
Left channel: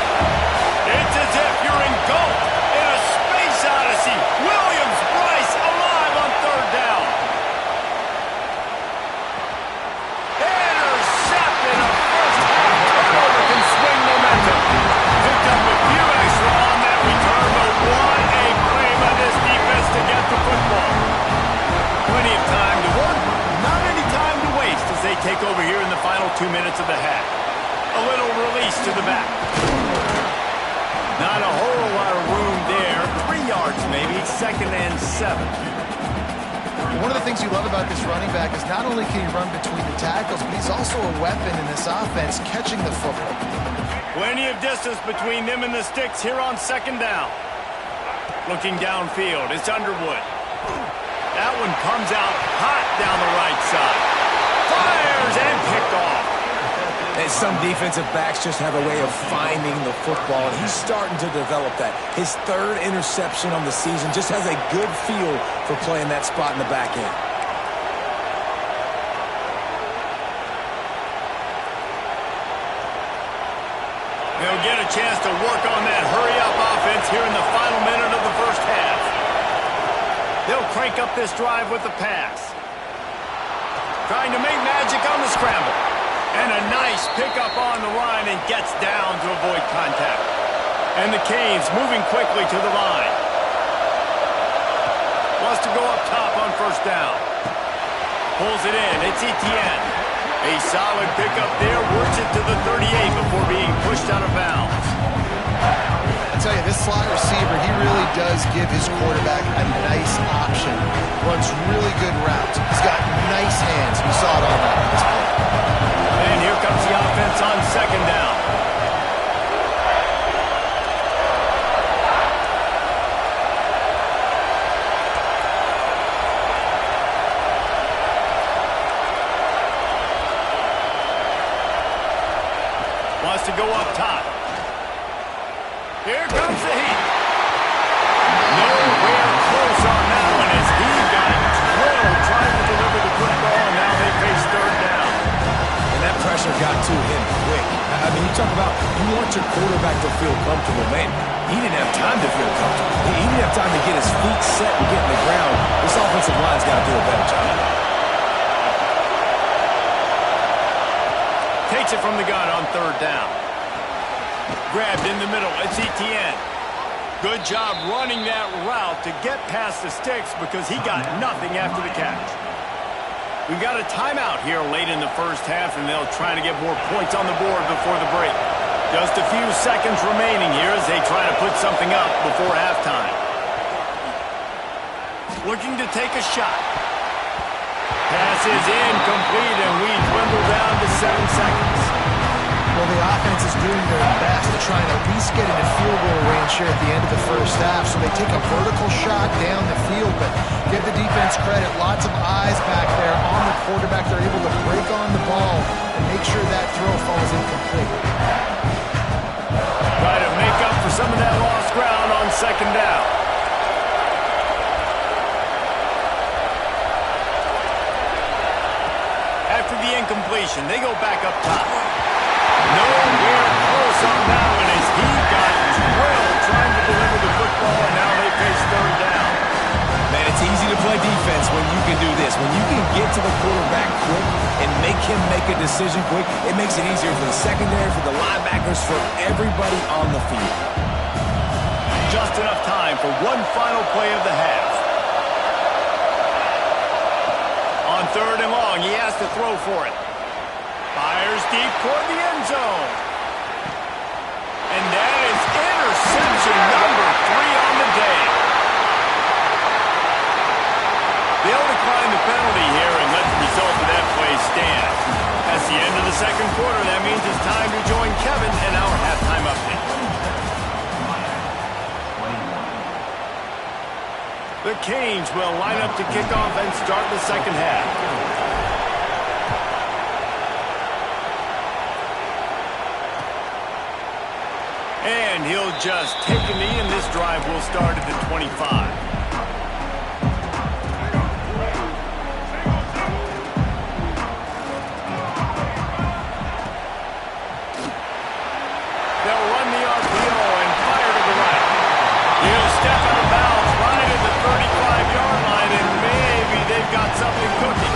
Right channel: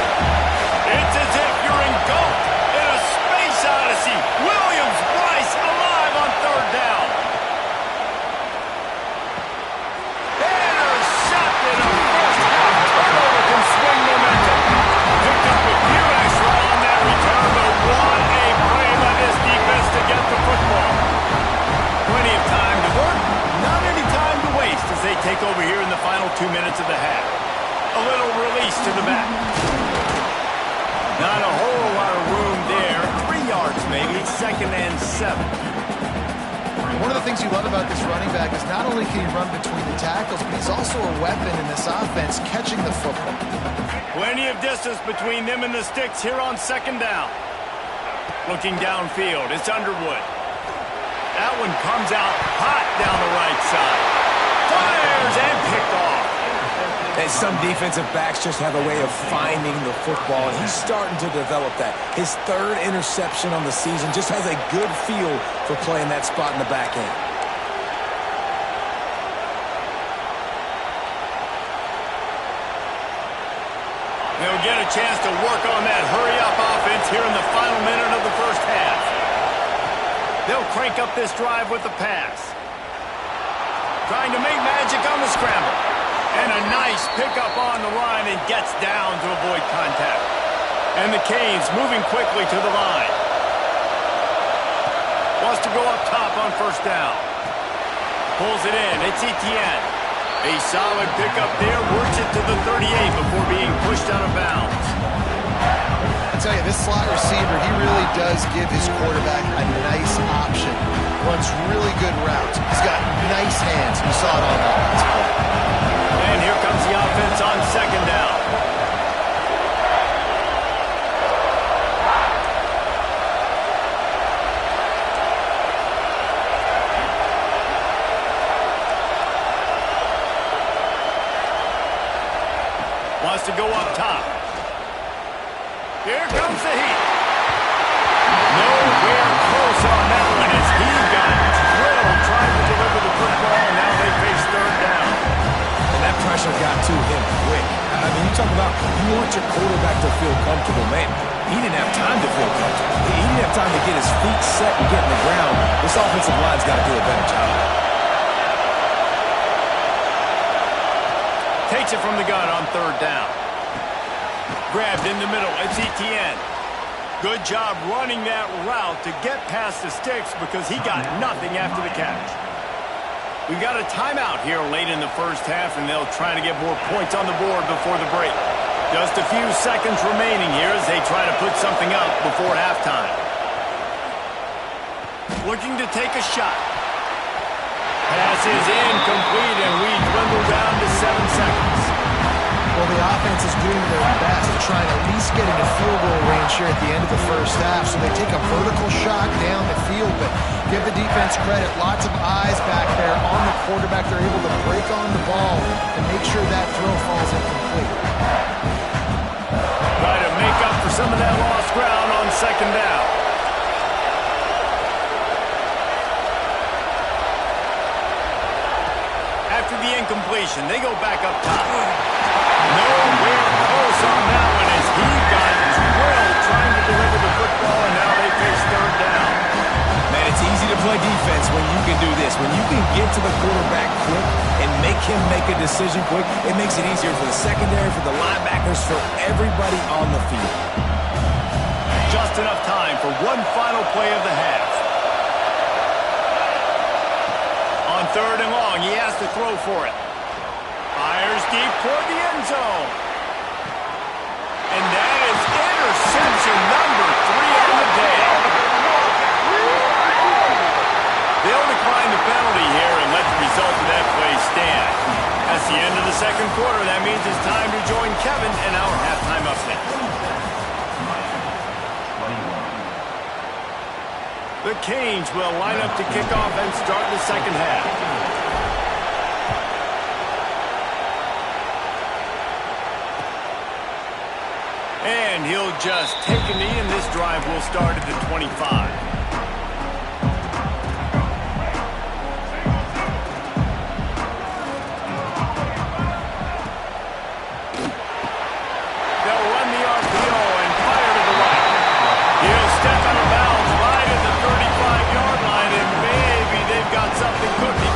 It's as if you're engulfed in a space odyssey. Williams, Bryce, alive on third down. Intercepted. A first half turnover can swing momentum. Picked up a few extra on that return, but what a play by this defense to get the football. Plenty of time to work, not any time to waste as they take over here in the final 2 minutes of the half. A little release to the back. Not a whole lot of room there. 3 yards maybe, 2nd and 7. One of the things you love about this running back is not only can he run between the tackles, but he's also a weapon in this offense, catching the football. Plenty of distance between them and the sticks here on 2nd down. Looking downfield, it's Underwood. That one comes out hot down the right side. Fires and picked off. And some defensive backs just have a way of finding the football, and he's starting to develop that. His 3rd interception on the season, just has a good feel for playing that spot in the back end. They'll get a chance to work on that hurry-up offense here in the final minute of the first half. They'll crank up this drive with the pass. Trying to make magic on the scramble. And a nice pickup on the line and gets down to avoid contact. And the Canes moving quickly to the line. Wants to go up top on first down. Pulls it in. It's Etienne. A solid pickup there. Works it to the 38 before being pushed out of bounds. I tell you, this slot receiver, he really does give his quarterback a nice option. Runs really good routes. He's got nice hands. You saw it on that last play. And here comes the offense on 2nd down. Wants to go up top. Here comes the heat. Nowhere close on that one as he got drilled trying to deliver the football, and now they face 3rd down. And that pressure got to him quick. I mean, you talk about you want your quarterback to feel comfortable. Man, he didn't have time to feel comfortable. He didn't have time to get his feet set and get in the ground. This offensive line's got to do a better job. Takes it from the gun on 3rd down. Grabbed in the middle. It's Etienne. Good job running that route to get past the sticks because he got nothing after the catch. We've got a timeout here late in the first half, and they'll try to get more points on the board before the break. Just a few seconds remaining here as they try to put something up before halftime. Looking to take a shot. Pass is incomplete, and we dwindle down to 7 seconds. Well, the offense is doing their best to try and at least get into field goal range here at the end of the first half. So they take a vertical shot down the field, but give the defense credit. Lots of eyes back there on the quarterback. They're able to break on the ball and make sure that throw falls incomplete. Try to make up for some of that lost ground on 2nd down. After the incompletion, they go back up top. Nowhere close on that one as he got drilled trying to deliver the football, and now they face 3rd down. Man, it's easy to play defense when you can do this. When you can get to the quarterback quick and make him make a decision quick, it makes it easier for the secondary, for the linebackers, for everybody on the field. Just enough time for one final play of the half. On 3rd and long, he has to throw for it. Fires deep toward the end zone. And that is interception number 3 on the day. They'll decline the penalty here and let the result of that play stand. That's the end of the second quarter. That means it's time to join Kevin and our halftime update. The Canes will line up to kick off and start the second half. And he'll just take a knee, and this drive will start at the 25. They'll run the RPO and fire to the right. He'll step out of bounds right at the 35-yard line, and maybe they've got something cooking.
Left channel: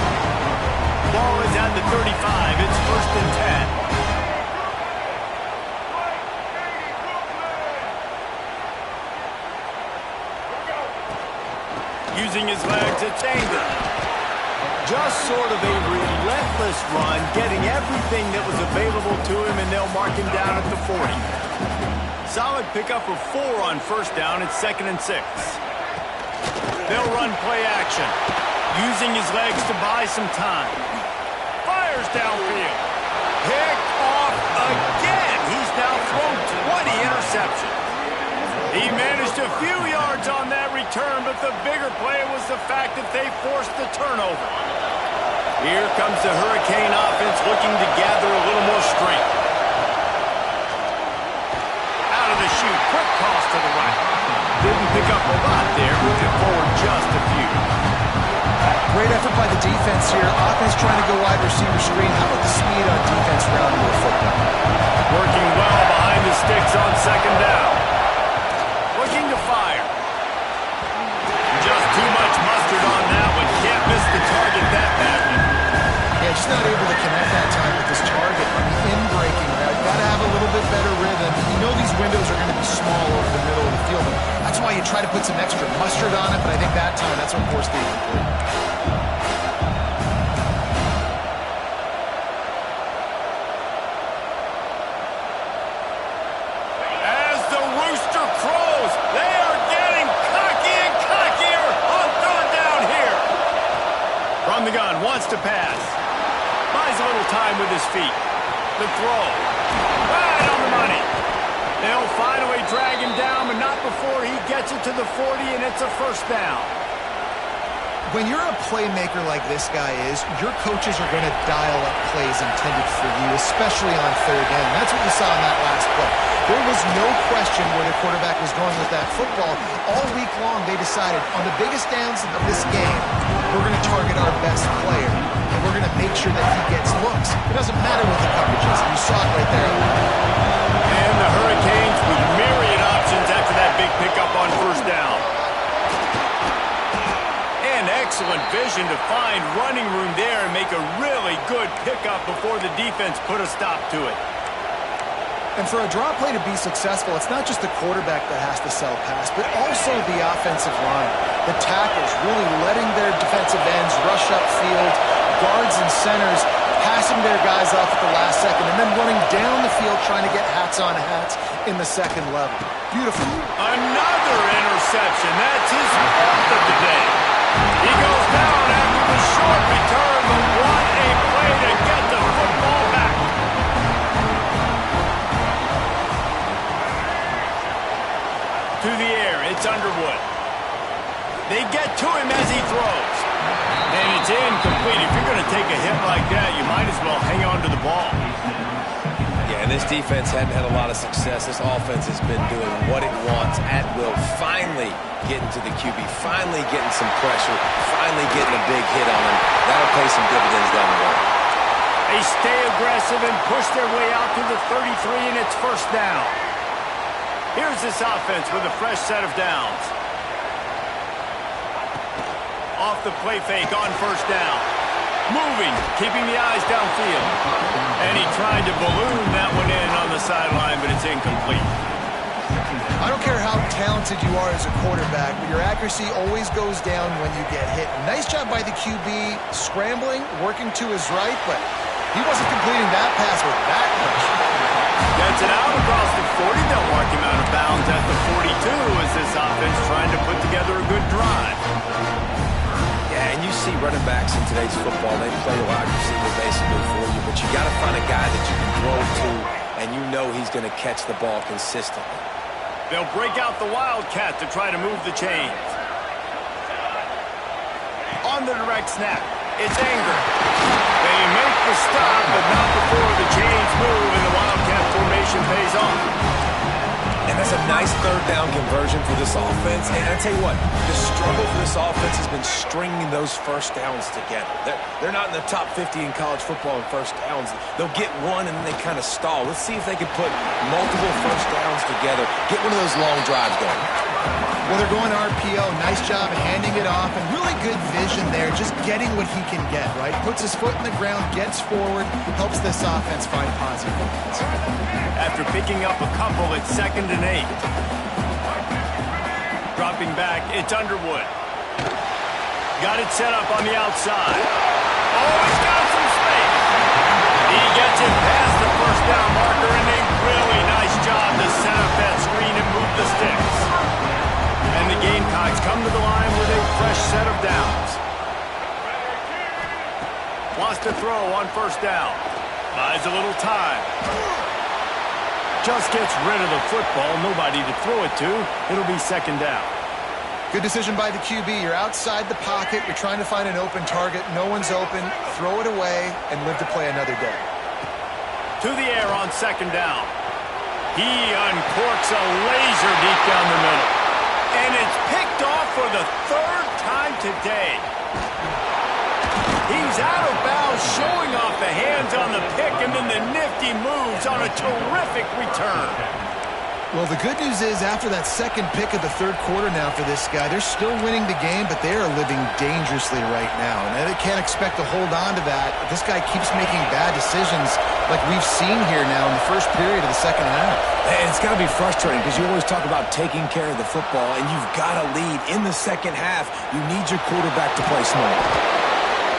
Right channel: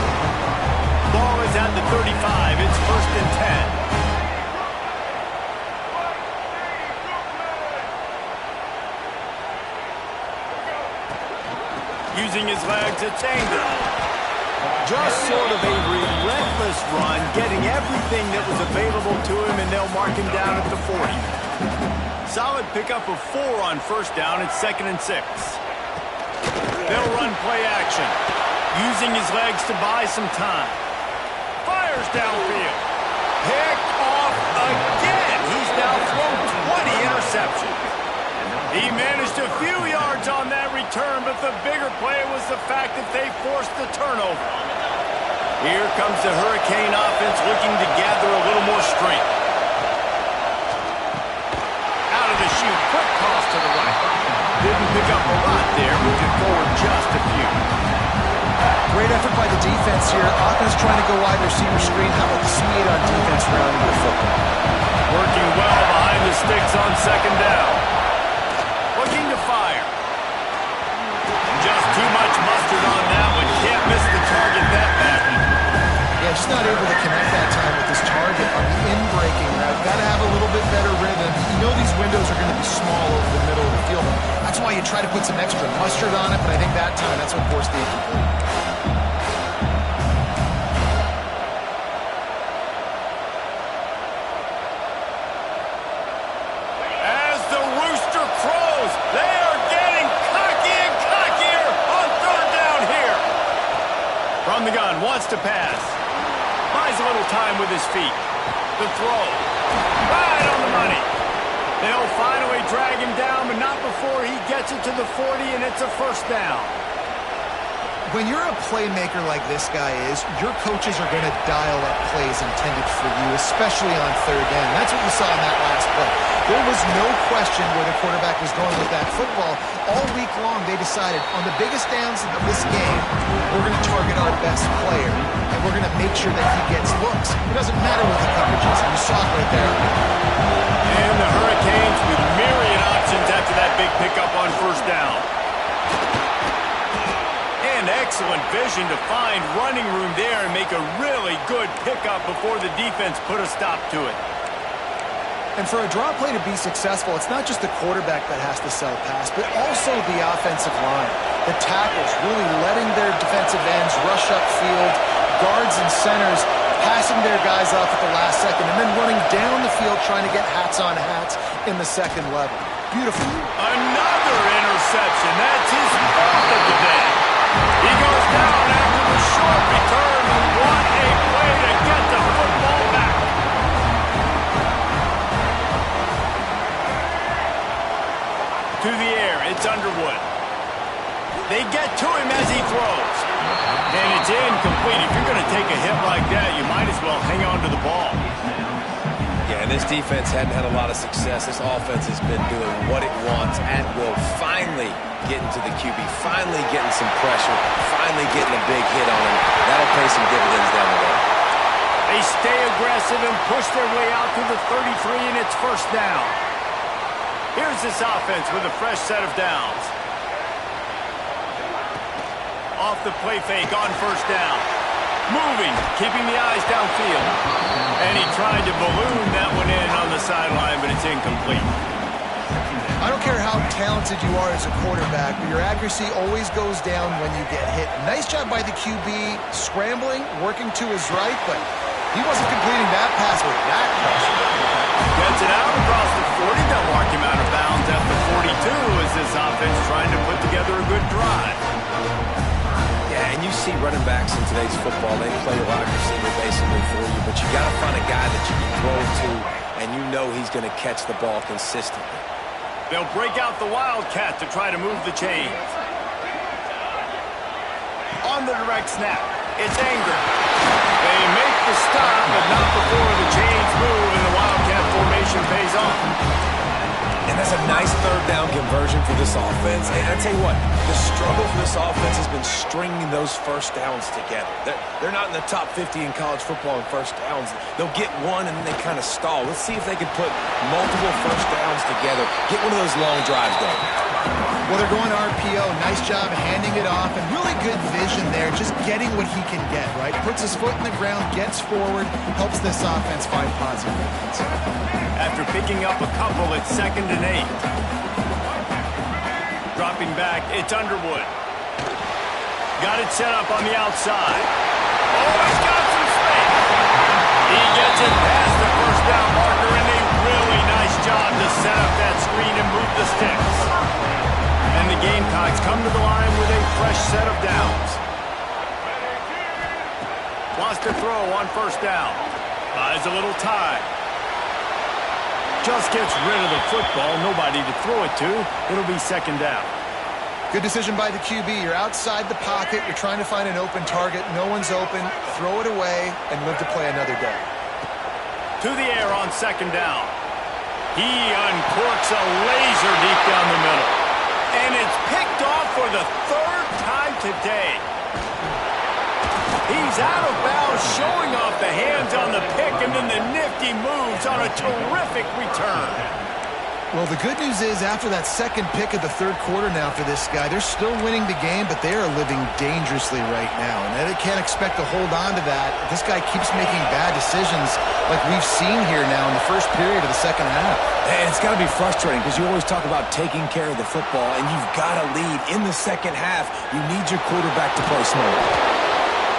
Ball is at the 35. It's 1st and 10. Using his legs, it's Angle. Just sort of a relentless run, getting everything that was available to him, and they'll mark him down at the 40. Solid pickup of 4 on 1st down. It's 2nd and 6. They'll run play action, using his legs to buy some time. Fires downfield. Picked off again. He's now thrown 20 interceptions. He managed a few yards on that return, but the bigger play was the fact that they forced the turnover. Here comes the Hurricane offense looking to gather a little more strength. Out of the chute, quick toss to the right. Didn't pick up a lot there, moving forward just a few. Great effort by the defense here. Offense trying to go wide receiver screen. How about the speed on defense rounding the football? Working well behind the sticks on 2nd down. Looking to fire. Just too much mustard on that one. Can't miss the target that badly. Yeah, just not able to connect that time with his target on the in-breaking route. Got to have a little bit better rhythm. You know these windows are going to be small over the middle of the field. That's why you try to put some extra mustard on it, but I think that time that's what forced the incomplete. They are getting cocky and cockier on 3rd down here. From the gun, wants to pass. Buys a little time with his feet. The throw. Right on the money. They'll finally drag him down, but not before he gets it to the 40, and it's a 1st down. When you're a playmaker like this guy is, your coaches are going to dial up plays intended for you, especially on 3rd down. That's what you saw in that last play. There was no question where the quarterback was going with that football. All week long, they decided on the biggest downs of this game, we're going to target our best player, and we're going to make sure that he gets looks. It doesn't matter what the coverage is, and you saw it right there. And the Hurricanes with myriad options after that big pickup on 1st down. And excellent vision to find running room there and make a really good pickup before the defense put a stop to it. And for a draw play to be successful, it's not just the quarterback that has to sell pass, but also the offensive line. The tackles really letting their defensive ends rush upfield, guards and centers passing their guys off at the last second, and then running down the field trying to get hats on hats in the 2nd level. Beautiful. Another interception. That's his 4th of the day. He goes down after the short return, but what a play to get the football back. To the air, it's Underwood. They get to him as he throws. And it's incomplete. If you're going to take a hit like that, you might as well hang on to the ball. Yeah, and this defense hadn't had a lot of success. This offense has been doing what it wants at will. Finally getting to the QB, finally getting some pressure, finally getting a big hit on him. That'll pay some dividends down the road. They stay aggressive and push their way out to the 33, and it's 1st down. Here's this offense with a fresh set of downs. Off the play fake on 1st down. Moving, keeping the eyes downfield. And he tried to balloon that one in on the sideline, but it's incomplete. I don't care how talented you are as a quarterback, but your accuracy always goes down when you get hit. Nice job by the QB scrambling, working to his right, but he wasn't completing that pass with that pressure. Gets it out across the 40. They'll mark him out of bounds at the 42 as this offense trying to put together a good drive. Yeah, and you see running backs in today's football, they play a wide receiver basically for you, but you got to find a guy that you can throw to, and you know he's going to catch the ball consistently. They'll break out the Wildcat to try to move the chains. On the direct snap, it's Anger. They make the stop, but not before the chains move and the Wildcat formation pays off. And that's a nice third down conversion for this offense. And I tell you what, the struggle for this offense has been stringing those first downs together. They're not in the top 50 in college football in first downs. They'll get one and then they kind of stall. Let's see if they can put multiple first downs together, get one of those long drives going. Well, they're going RPO. Nice job handing it off, and really good vision there, just getting what he can get, right? Puts his foot in the ground, gets forward, helps this offense find positive movements. After picking up a couple, it's 2nd and 8. Dropping back, it's Underwood. Got it set up on the outside. Oh, he's got some space. He gets it past the first down marker, and a really nice job to set up that screen and move the sticks. And the Gamecocks come to the line with a fresh set of downs. Wants to throw on first down. Buys a little time. Just gets rid of the football. Nobody to throw it to. It'll be 2nd down. Good decision by the QB. You're outside the pocket. You're trying to find an open target. No one's open. Throw it away and live to play another day. To the air on 2nd down. He uncorks a laser deep down the middle. And it's picked off for the 3rd time today. He's out of bounds, showing off the hands on the pick, and then the nifty moves on a terrific return. Well, the good news is after that second pick of the 3rd quarter now for this guy, they're still winning the game, but they are living dangerously right now. And they can't expect to hold on to that. This guy keeps making bad decisions like we've seen here now in the first period of the 2nd half. And it's got to be frustrating because you always talk about taking care of the football, and you've got to lead in the 2nd half. You need your quarterback to play smart.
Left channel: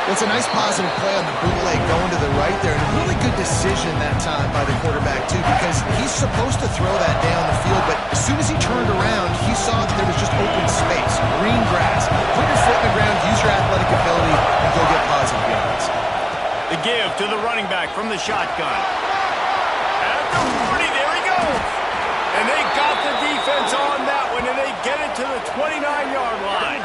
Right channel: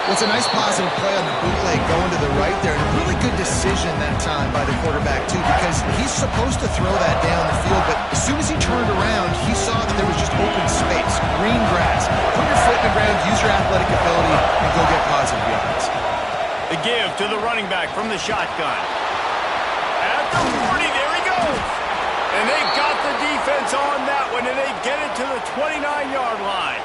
Well, it's a nice positive play on the bootleg going to the right there, and a really good decision that time by the quarterback, too, because he's supposed to throw that down the field, but as soon as he turned around, he saw that there was just open space, green grass. Put your foot in the ground, use your athletic ability, and go get positive yards. The give to the running back from the shotgun. At the 40, there he goes. And they got the defense on that one, and they get it to the 29-yard line.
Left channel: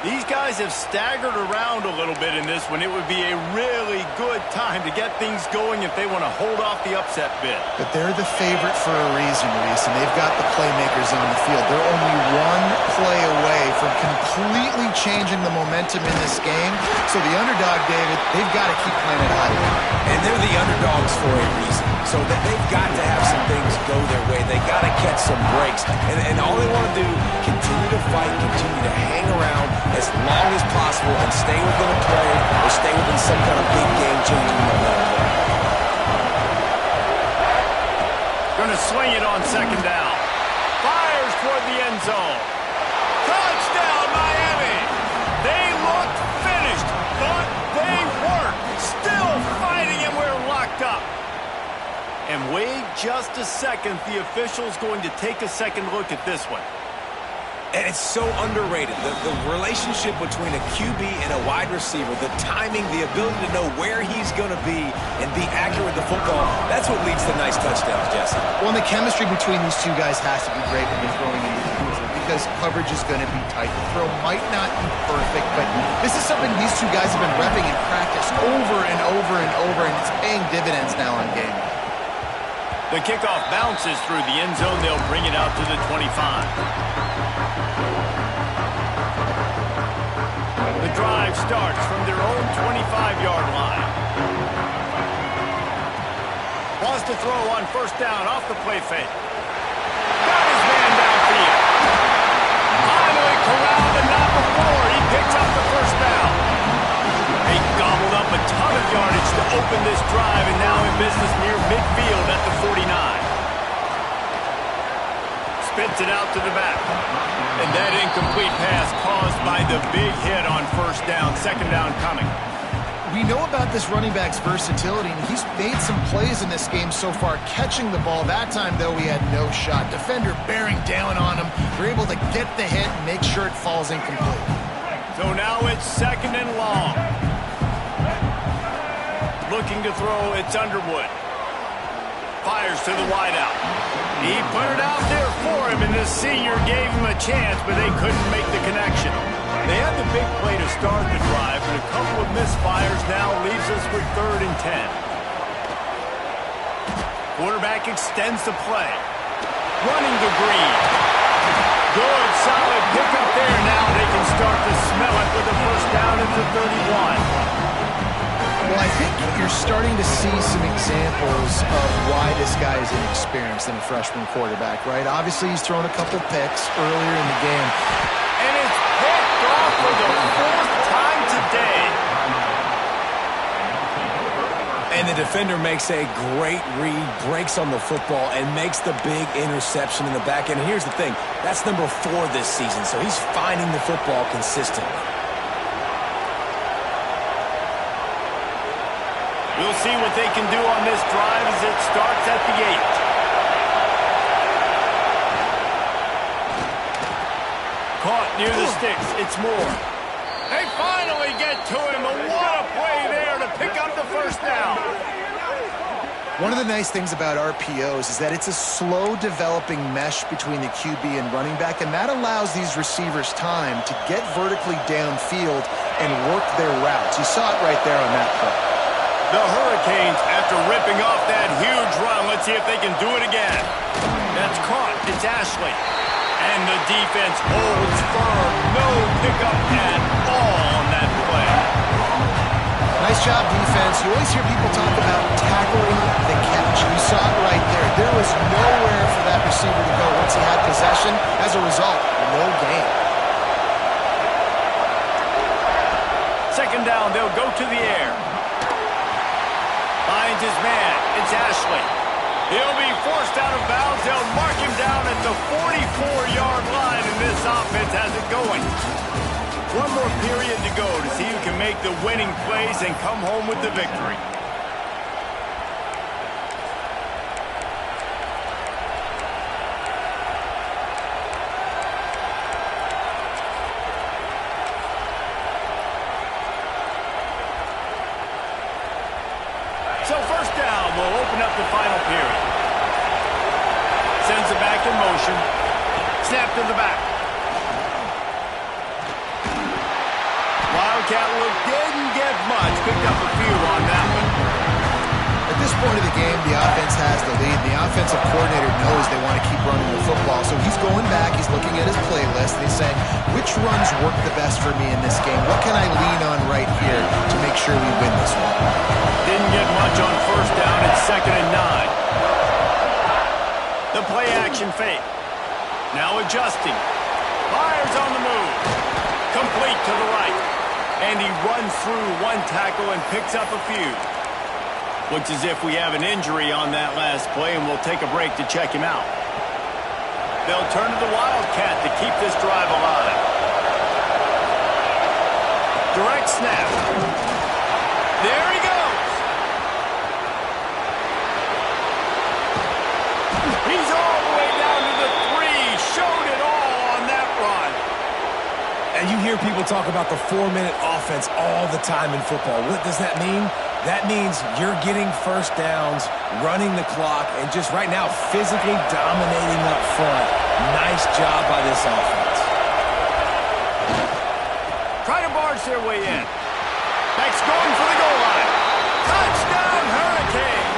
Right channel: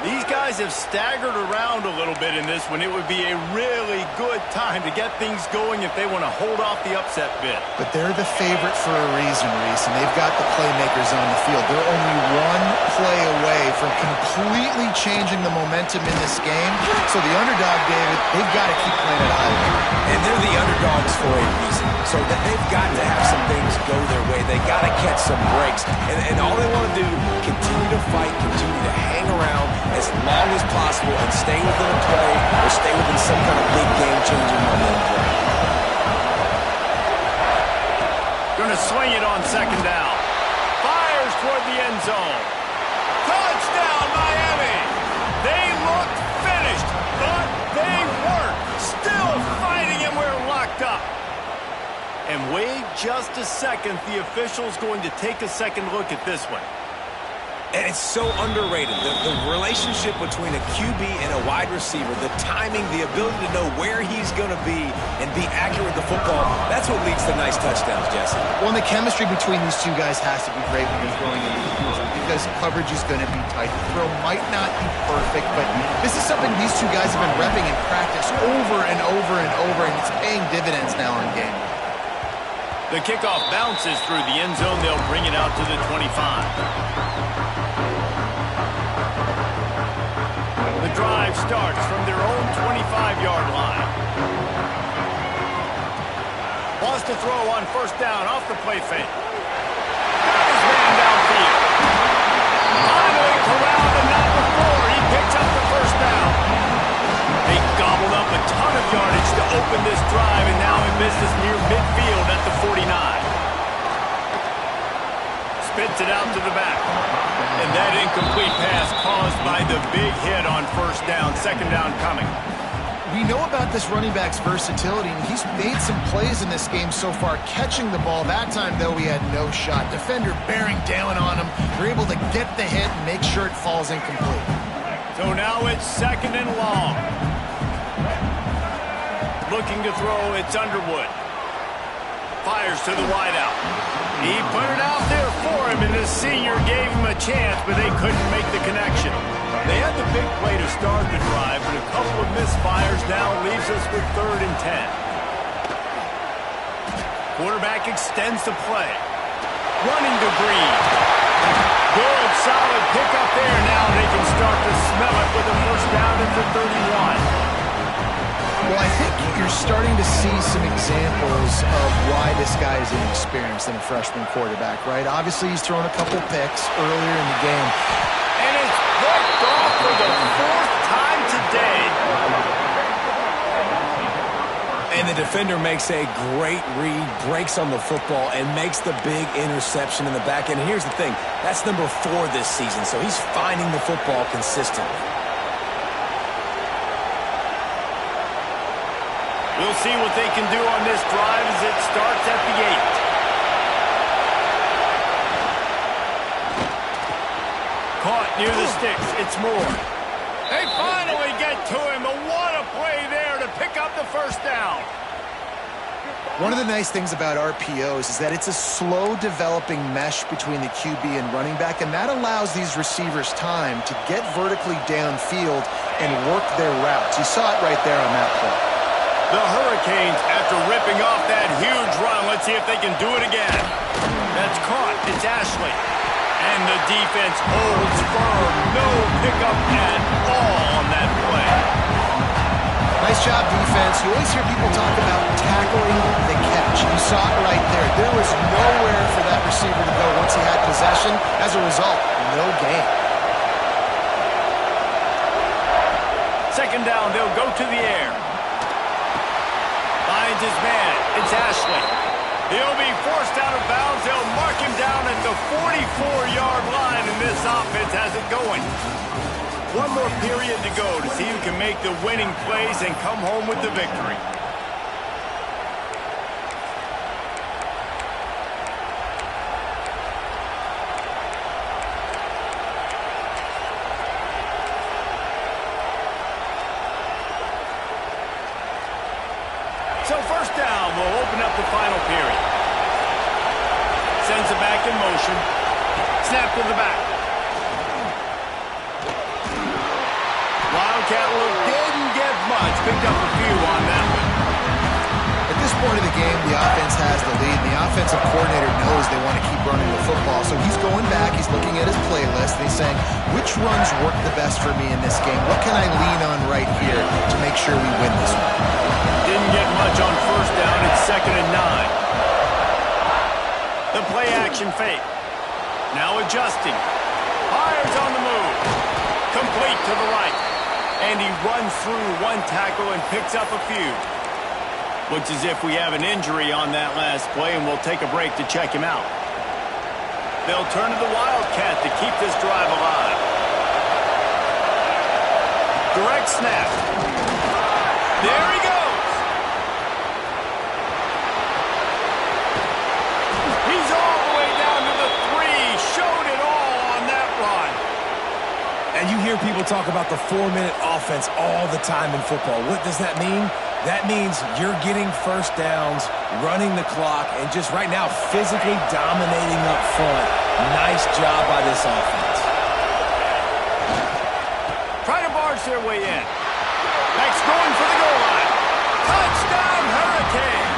These guys have staggered around a little bit in this one. It would be a really good time to get things going if they want to hold off the upset bid. But they're the favorite for a reason, Reese, and they've got the playmakers on the field. They're only one play away from completely changing the momentum in this game. So the underdog, David, they've got to keep playing at a high level. And they're the underdogs for a reason. So that they've got to have some things go their way. They got to catch some breaks. And all they want to do, continue to fight, continue to hang around as long as possible and stay within a play or stay within some kind of big game-changing momentum play. Going to swing it on 2nd down. Fires toward the end zone. Touchdown, Miami! They looked finished, but they weren't. Still fighting, and we're locked up. And wait just a second. The official's going to take a second look at this one. And it's so underrated. The relationship between a QB and a wide receiver, the timing, the ability to know where he's going to be and be accurate with the football, that's what leads to nice touchdowns, Jesse. Well, and the chemistry between these two guys has to be great when you're throwing into the future because coverage is going to be tight. The throw might not be perfect, but this is something these two guys have been repping in practice over and over and over, and it's paying dividends now on game. The kickoff bounces through the end zone. They'll bring it out to the 25. The drive starts from their own 25-yard line. Wants to throw on first down off the play fake. Got his man downfield. Finally corralled, but not before. He picks up the first down. They gobbled up a ton of yardage to open this drive, and now in business near midfield at the 49. Spits it out to the back. And that incomplete pass caused by the big hit on first down. 2nd down coming. We know about this running back's versatility, and he's made some plays in this game so far, catching the ball. That time, though, he had no shot. Defender bearing down on him. They're able to get the hit and make sure it falls incomplete. So now it's 2nd and long. Looking to throw, it's Underwood. Fires to the wideout. He put it out there for him, and the senior gave him a chance, but they couldn't make the connection. They had the big play to start the drive, but a couple of misfires now leaves us with 3rd and 10. Quarterback extends the play. Running to Green. Good, solid pickup there. Now they can start to smell it with a first down at the 31. Well, I think you're starting to see some examples of why this guy is inexperienced in a freshman quarterback, right? Obviously, he's thrown a couple picks earlier in the game. And it's picked off for the 4th time today. And the defender makes a great read, breaks on the football, and makes the big interception in the back end. And here's the thing, that's number 4 this season, so he's finding the football consistently. We'll see what they can do on this drive as it starts at the 8. Caught near the sticks. It's Moore. They finally get to him. And what a play there to pick up the first down. One of the nice things about RPOs is that it's a slow developing mesh between the QB and running back, and that allows these receivers time to get vertically downfield and work their routes. You saw it right there on that play. The Hurricanes, after ripping off that huge run, let's see if they can do it again. That's caught. It's Ashley. And the defense holds firm. No pickup at all on that play. Nice job, defense. You always hear people talk about tackling the catch. You saw it right there. There was nowhere for that receiver to go once he had possession. As a result, no gain. 2nd down, they'll go to the air. Finds his man. It's Ashley. He'll be forced out of bounds. They'll mark him down at the 44-yard line, and this offense has it going. One more period to go to see who can make the winning plays and come home with the victory. So 1st down will open up the final period. Sends it back in motion. Snap to the back. Wildcat look didn't get much. Picked up a few on that one. At this point of the game, the offense has the lead. The offensive coordinator knows they want to keep running the football. So he's going back, he's looking at his playlist, and he's saying, which runs work the best for me in this game? What can I lean on right here to make sure we win this one? Didn't get much on 1st down. It's 2nd and 9. The play action fake. Now adjusting. Fires on the move. Complete to the right. And he runs through one tackle and picks up a few. Looks as if we have an injury on that last play, and we'll take a break to check him out. They'll turn to the Wildcat to keep this drive alive. Direct snap. There he goes. He's all the way down to the 3. Showed it all on that run. And you hear people talk about the 4-minute offense all the time in football. What does that mean? That means you're getting first downs, running the clock, and just right now physically dominating up front. Nice job by this offense. Try to barge their way in. Backs going for the goal line. Touchdown, Hurricanes!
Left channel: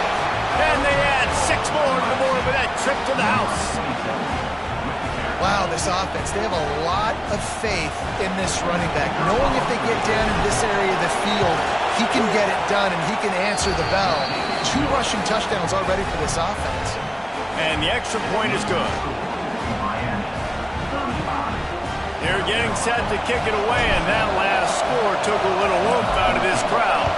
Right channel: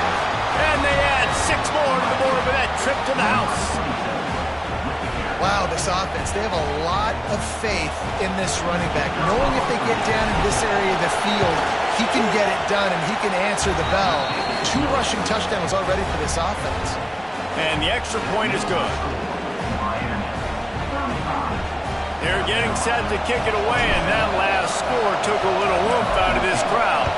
And they add 6 more to the board with that trip to the house. Wow, this offense, they have a lot of faith in this running back, knowing if they get down in this area of the field, he can get it done and he can answer the bell. 2 rushing touchdowns already for this offense. And the extra point is good. They're getting set to kick it away, and that last score took a little oomph out of this crowd.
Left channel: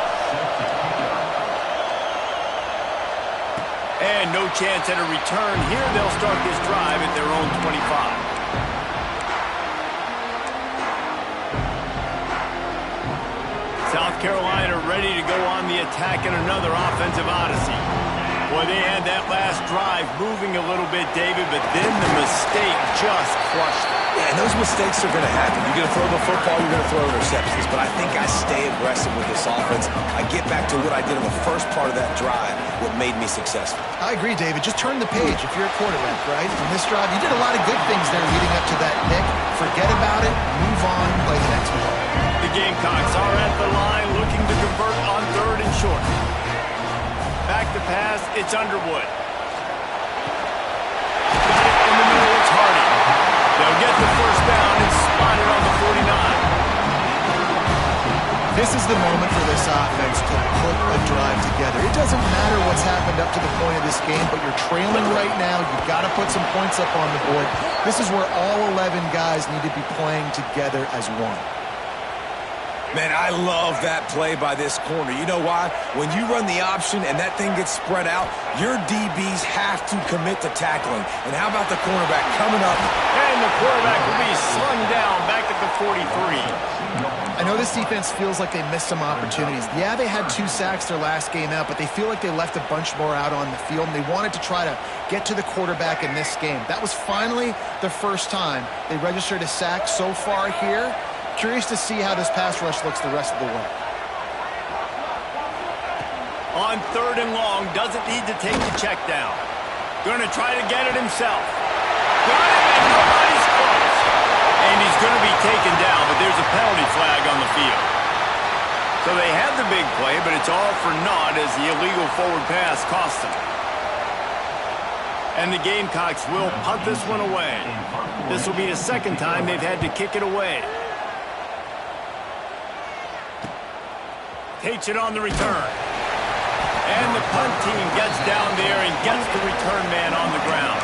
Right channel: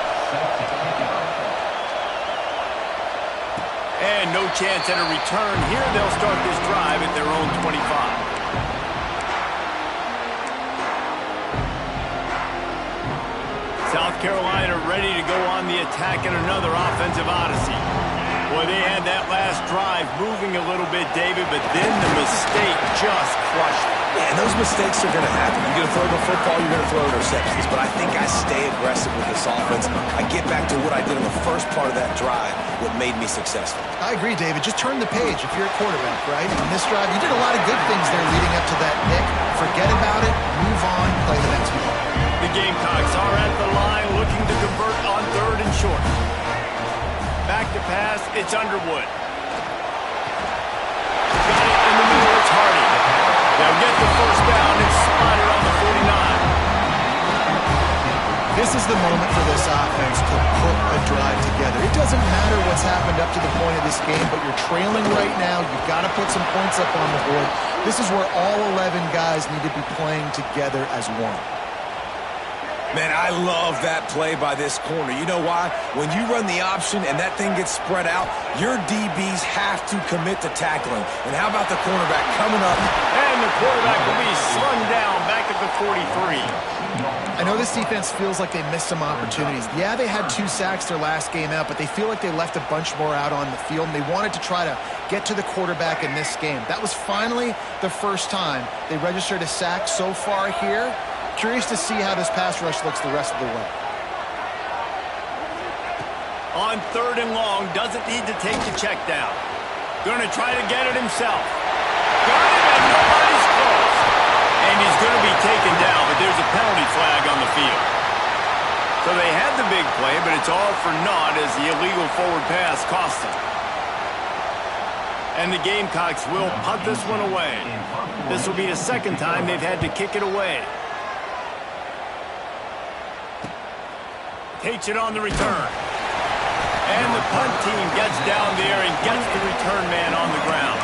And no chance at a return here. They'll start this drive at their own 25. South Carolina ready to go on the attack in another offensive odyssey. Boy, they had that last drive moving a little bit, David, but then the mistake just crushed them. Yeah, and those mistakes are going to happen. You're going to throw the football, you're going to throw interceptions. But I think I stay aggressive with this offense. I get back to what I did in the first part of that drive, what made me successful. I agree, David. Just turn the page if you're a quarterback, right? On this drive, you did a lot of good things there leading up to that pick. Forget about it, move on, play the next play. The Gamecocks are at the line looking to convert on 3rd and short. Back to pass, it's Underwood. Got it in the middle, it's Hardy. They'll get the first down and spot it on the 49. This is the moment for this offense to put a drive together. It doesn't matter what's happened up to the point of this game, but you're trailing right now. You've got to put some points up on the board. This is where all 11 guys need to be playing together as one. Man, I love that play by this corner. You know why? When you run the option and that thing gets spread out, your DBs have to commit to tackling. And how about the cornerback coming up? And the quarterback will be slung down back at the 43. I know this defense feels like they missed some opportunities. Yeah, they had 2 sacks their last game out, but they feel like they left a bunch more out on the field, and they wanted to try to get to the quarterback in this game. That was finally the first time they registered a sack so far here. Curious to see how this pass rush looks the rest of the way. On 3rd and long, doesn't need to take the check down. Going to try to get it himself. Got him, and nobody's close. And he's going to be taken down, but there's a penalty flag on the field. So they had the big play, but it's all for naught as the illegal forward pass cost them. And the Gamecocks will punt this one away. This will be the second time they've had to kick it away. Takes it on the return. And the punt team gets down there and gets the return man on the ground.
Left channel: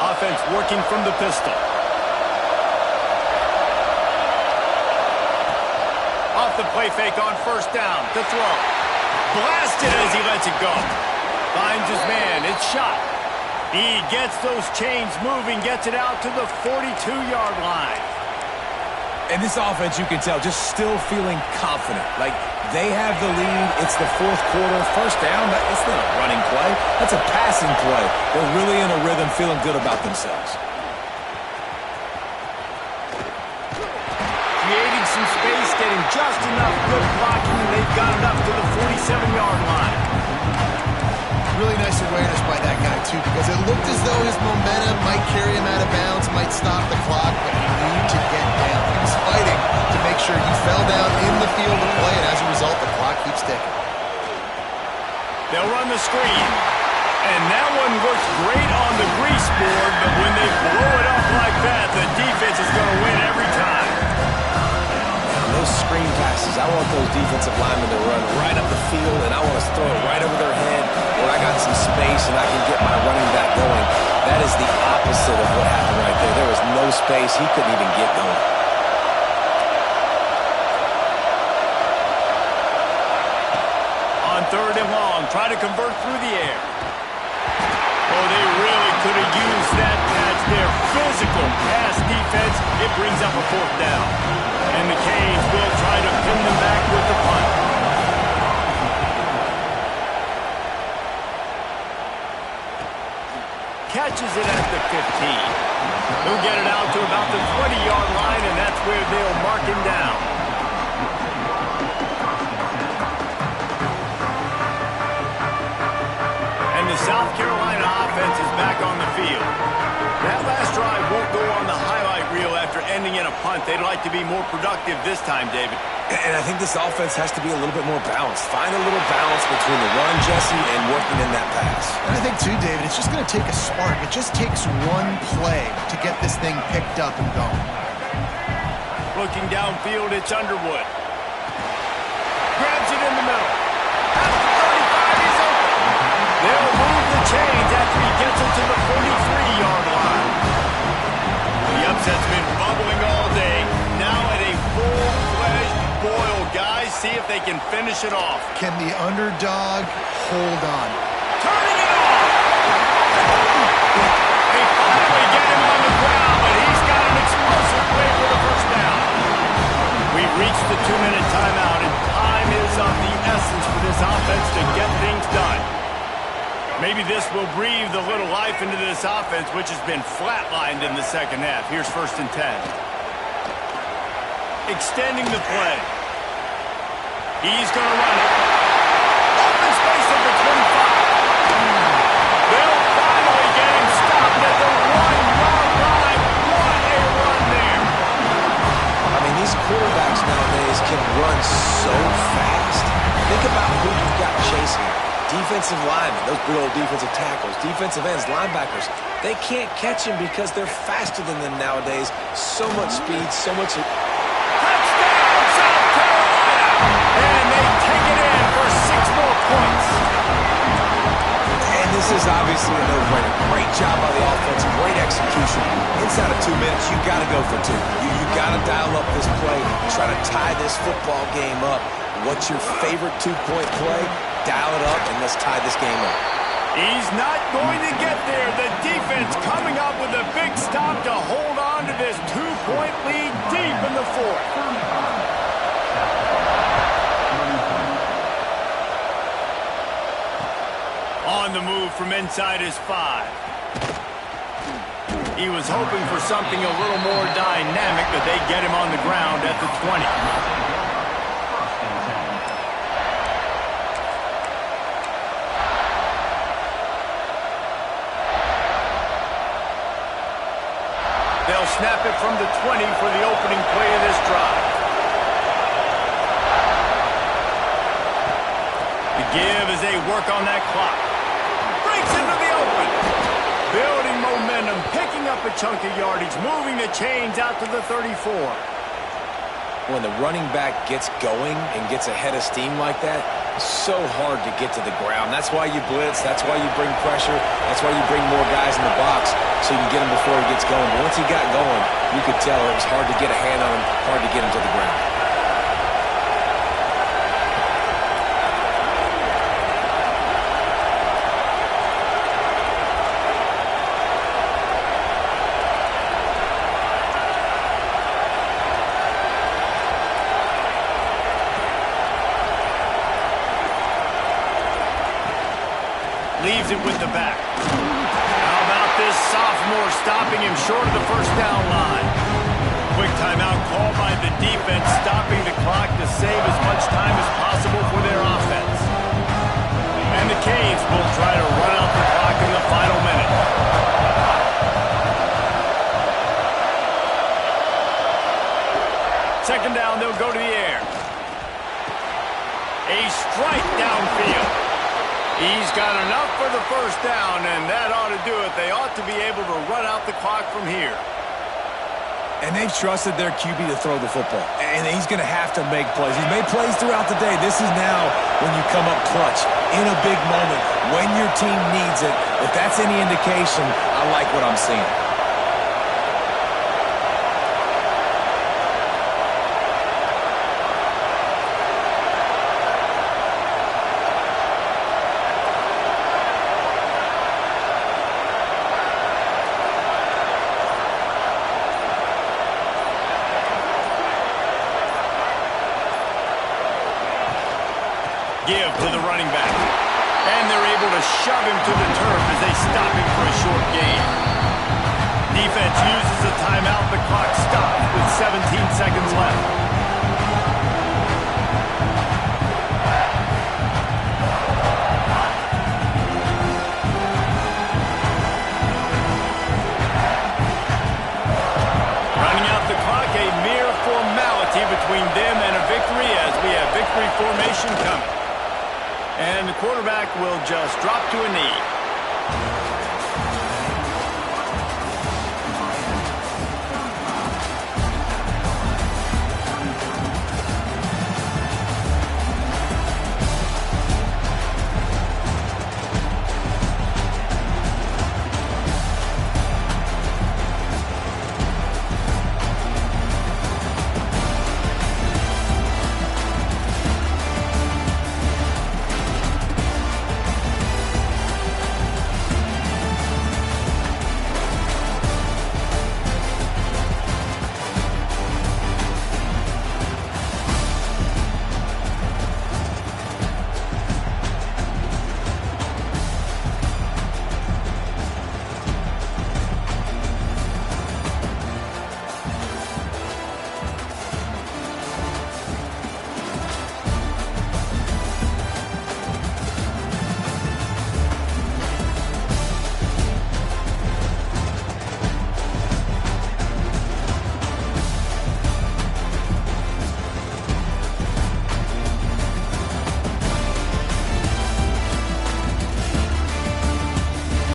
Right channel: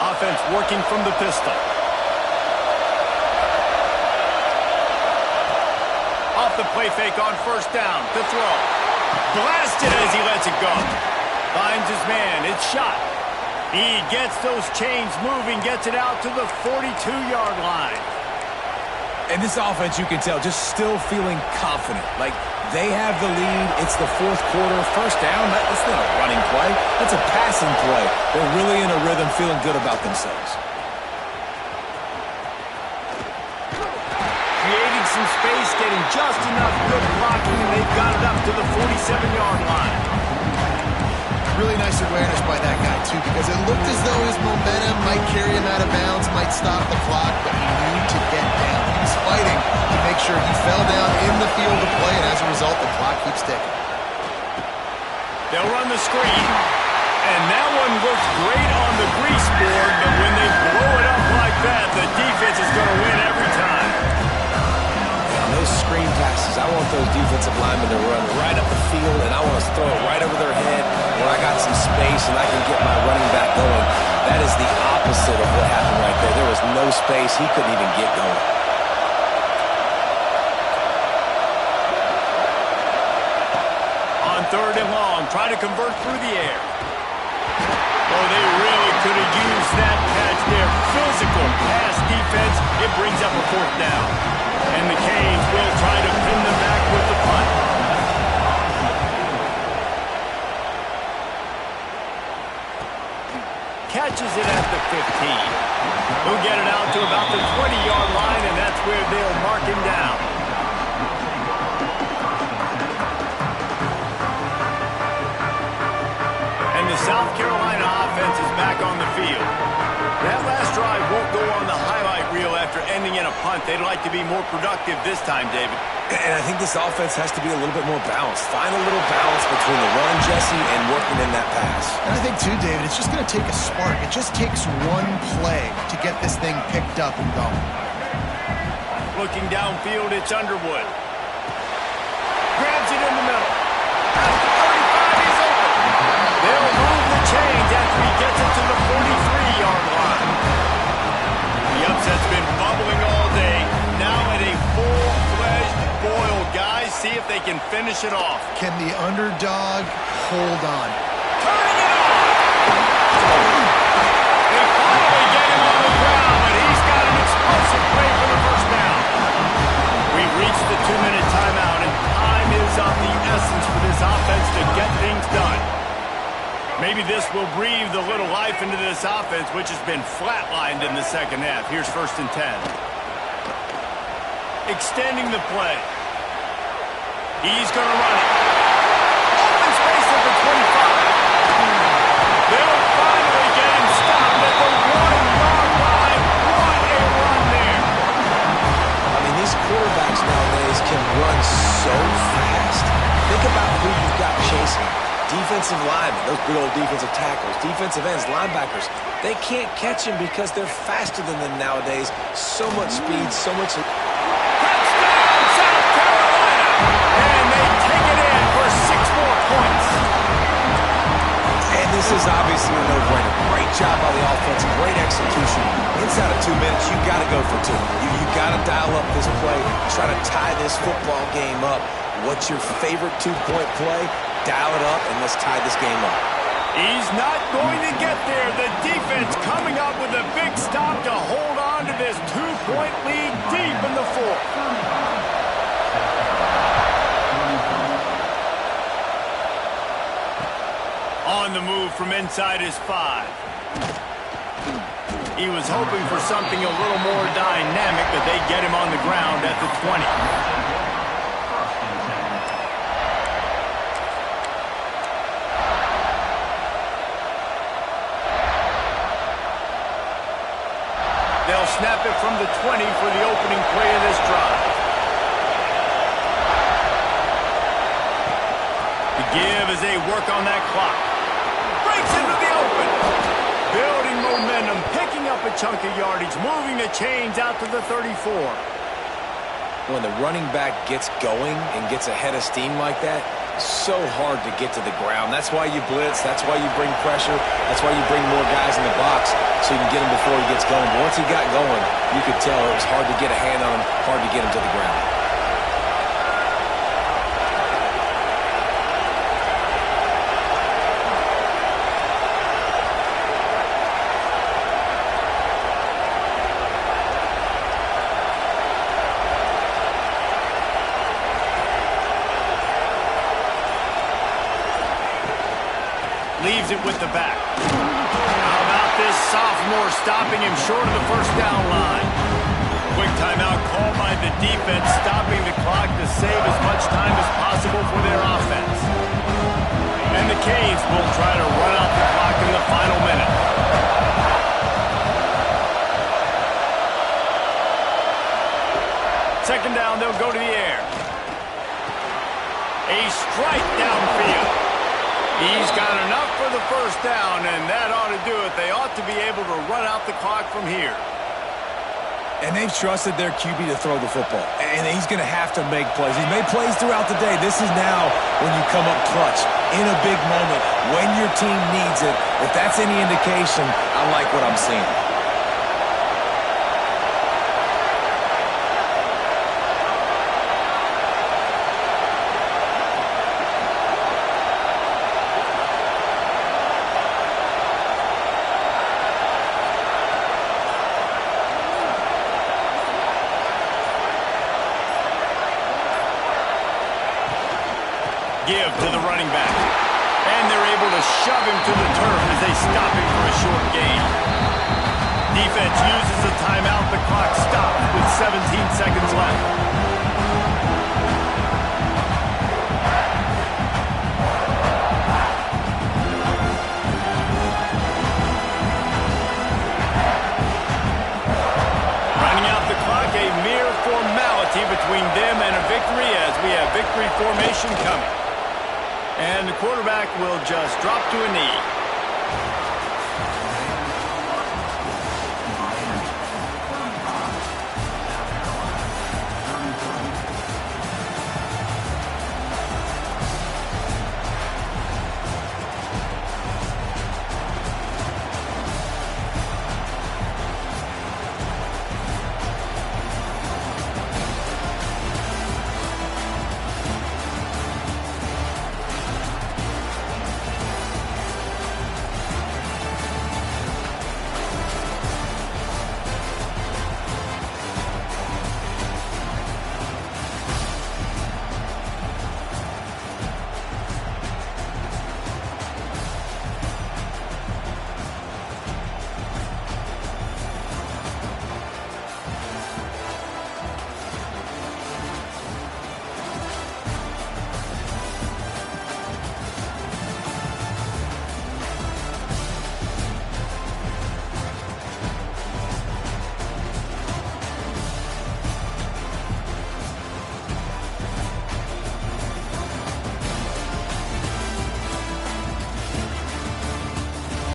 Offense working from the pistol. Off the play fake on 1st down to throw. Blasted as he lets it go. Finds his man. It's shot. He gets those chains moving, gets it out to the 42-yard line. And this offense, you can tell, just still feeling confident. Like, they have the lead. It's the 4th quarter. 1st down, that's not a running play. That's a passing play. They're really in a rhythm, feeling good about themselves. Creating some space, getting just enough good blocking, and they've got it up to the 47-yard line. Really nice awareness by that guy, too, because it looked as though his momentum might carry him out of bounds, might stop the clock, but he knew to get down. He was fighting to make sure he fell down in the field of play, and as a result, the clock keeps ticking. They'll run the screen, and that one looks great on the grease board, but when they blow it up like that, the defense is going to win every time. Those screen passes, I want those defensive linemen to run right up the field, and I want to throw it right over their head where I got some space and I can get my running back going. That is the opposite of what happened right there. There was no space. He couldn't even get going. On 3rd and long, try to convert through the air. Oh, they really could have used that catch there. Physical pass defense. It brings up a 4th down. And the Canes will try to pin them back with the punt. Catches it at the 15. He'll get it out to about the 20-yard line, and that's where they'll mark him down. And the South Carolina offense is back on the field. That last drive won't go on the highlight reel after ending in a punt. They'd like to be more productive this time, David. And I think this offense has to be a little bit more balanced. Find a little balance between the run, Jesse, and working in that pass. And I think, too, David, it's just going to take a spark. It just takes one play to get this thing picked up and going. Looking downfield, it's Underwood. Grabs it in the middle. At the 35, he's open. They'll move the chains after he gets it to the 43-yard line. The upset's been bubbling all day. Now at a full-fledged boil. Guys, see if they can finish it off. Can the underdog hold on? Turning it on! They finally get him on the ground, but he's got an explosive play for the first down. We've reached the 2-minute timeout, and time is of the essence for this offense to get things done. Maybe this will breathe a little life into this offense, which has been flatlined in the second half. Here's 1st and 10. Extending the play. He's going to run it. Open space at the 25. They'll finally get him stopped at the 1-yard line. What a run there. I mean, these quarterbacks nowadays can run so fast. Think about who you've got chasing. Defensive linemen, those good old defensive tackles, defensive ends, linebackers. They can't catch him because they're faster than them nowadays. So much speed, so much... Touchdown, South Carolina! And they take it in for 6 more points. And this is obviously a no-brainer. Great job by the offense, great execution. Inside of 2 minutes, you got to go for 2. You got to dial up this play, try to tie this football game up. What's your favorite 2-point play? Dial it up, and let's tie this game up. He's not going to get there. The defense coming up with a big stop to hold on to this 2-point lead deep in the 4th. On the move from inside his 5. He was hoping for something a little more dynamic, but they get him on the ground at the 20. They'll snap it from the 20 for the opening play of this drive. The give as they work on that clock. Breaks into the open. Building momentum, picking up a chunk of yardage, moving the chains out to the 34. When the running back gets going and gets ahead of steam like that, so hard to get to the ground. That's why you blitz. That's why you bring pressure. That's why you bring more guys in the box so you can get him before he gets going. But once he got going, you could tell it was hard to get a hand on him, hard to get him to the ground. Leaves it with the back. How about this sophomore stopping him short of the 1st down line? Quick timeout called by the defense, stopping the clock to save as much time as possible for their offense. And the Canes will try to run out the clock in the final minute. Second down, they'll go to the air. A strike downfield. He's got enough for the 1st down, and that ought to do it. They ought to be able to run out the clock from here. And they've trusted their QB to throw the football. And he's going to have to make plays. He's made plays throughout the day. This is now when you come up clutch, in a big moment, when your team needs it. If that's any indication, I like what I'm seeing. Give to the running back. And they're able to shove him to the turf as they stop him for a short gain. Defense uses a timeout. The clock stops with 17 seconds left. Running out the clock, a mere formality between them and a victory as we have victory formation coming. And the quarterback will just drop to a knee.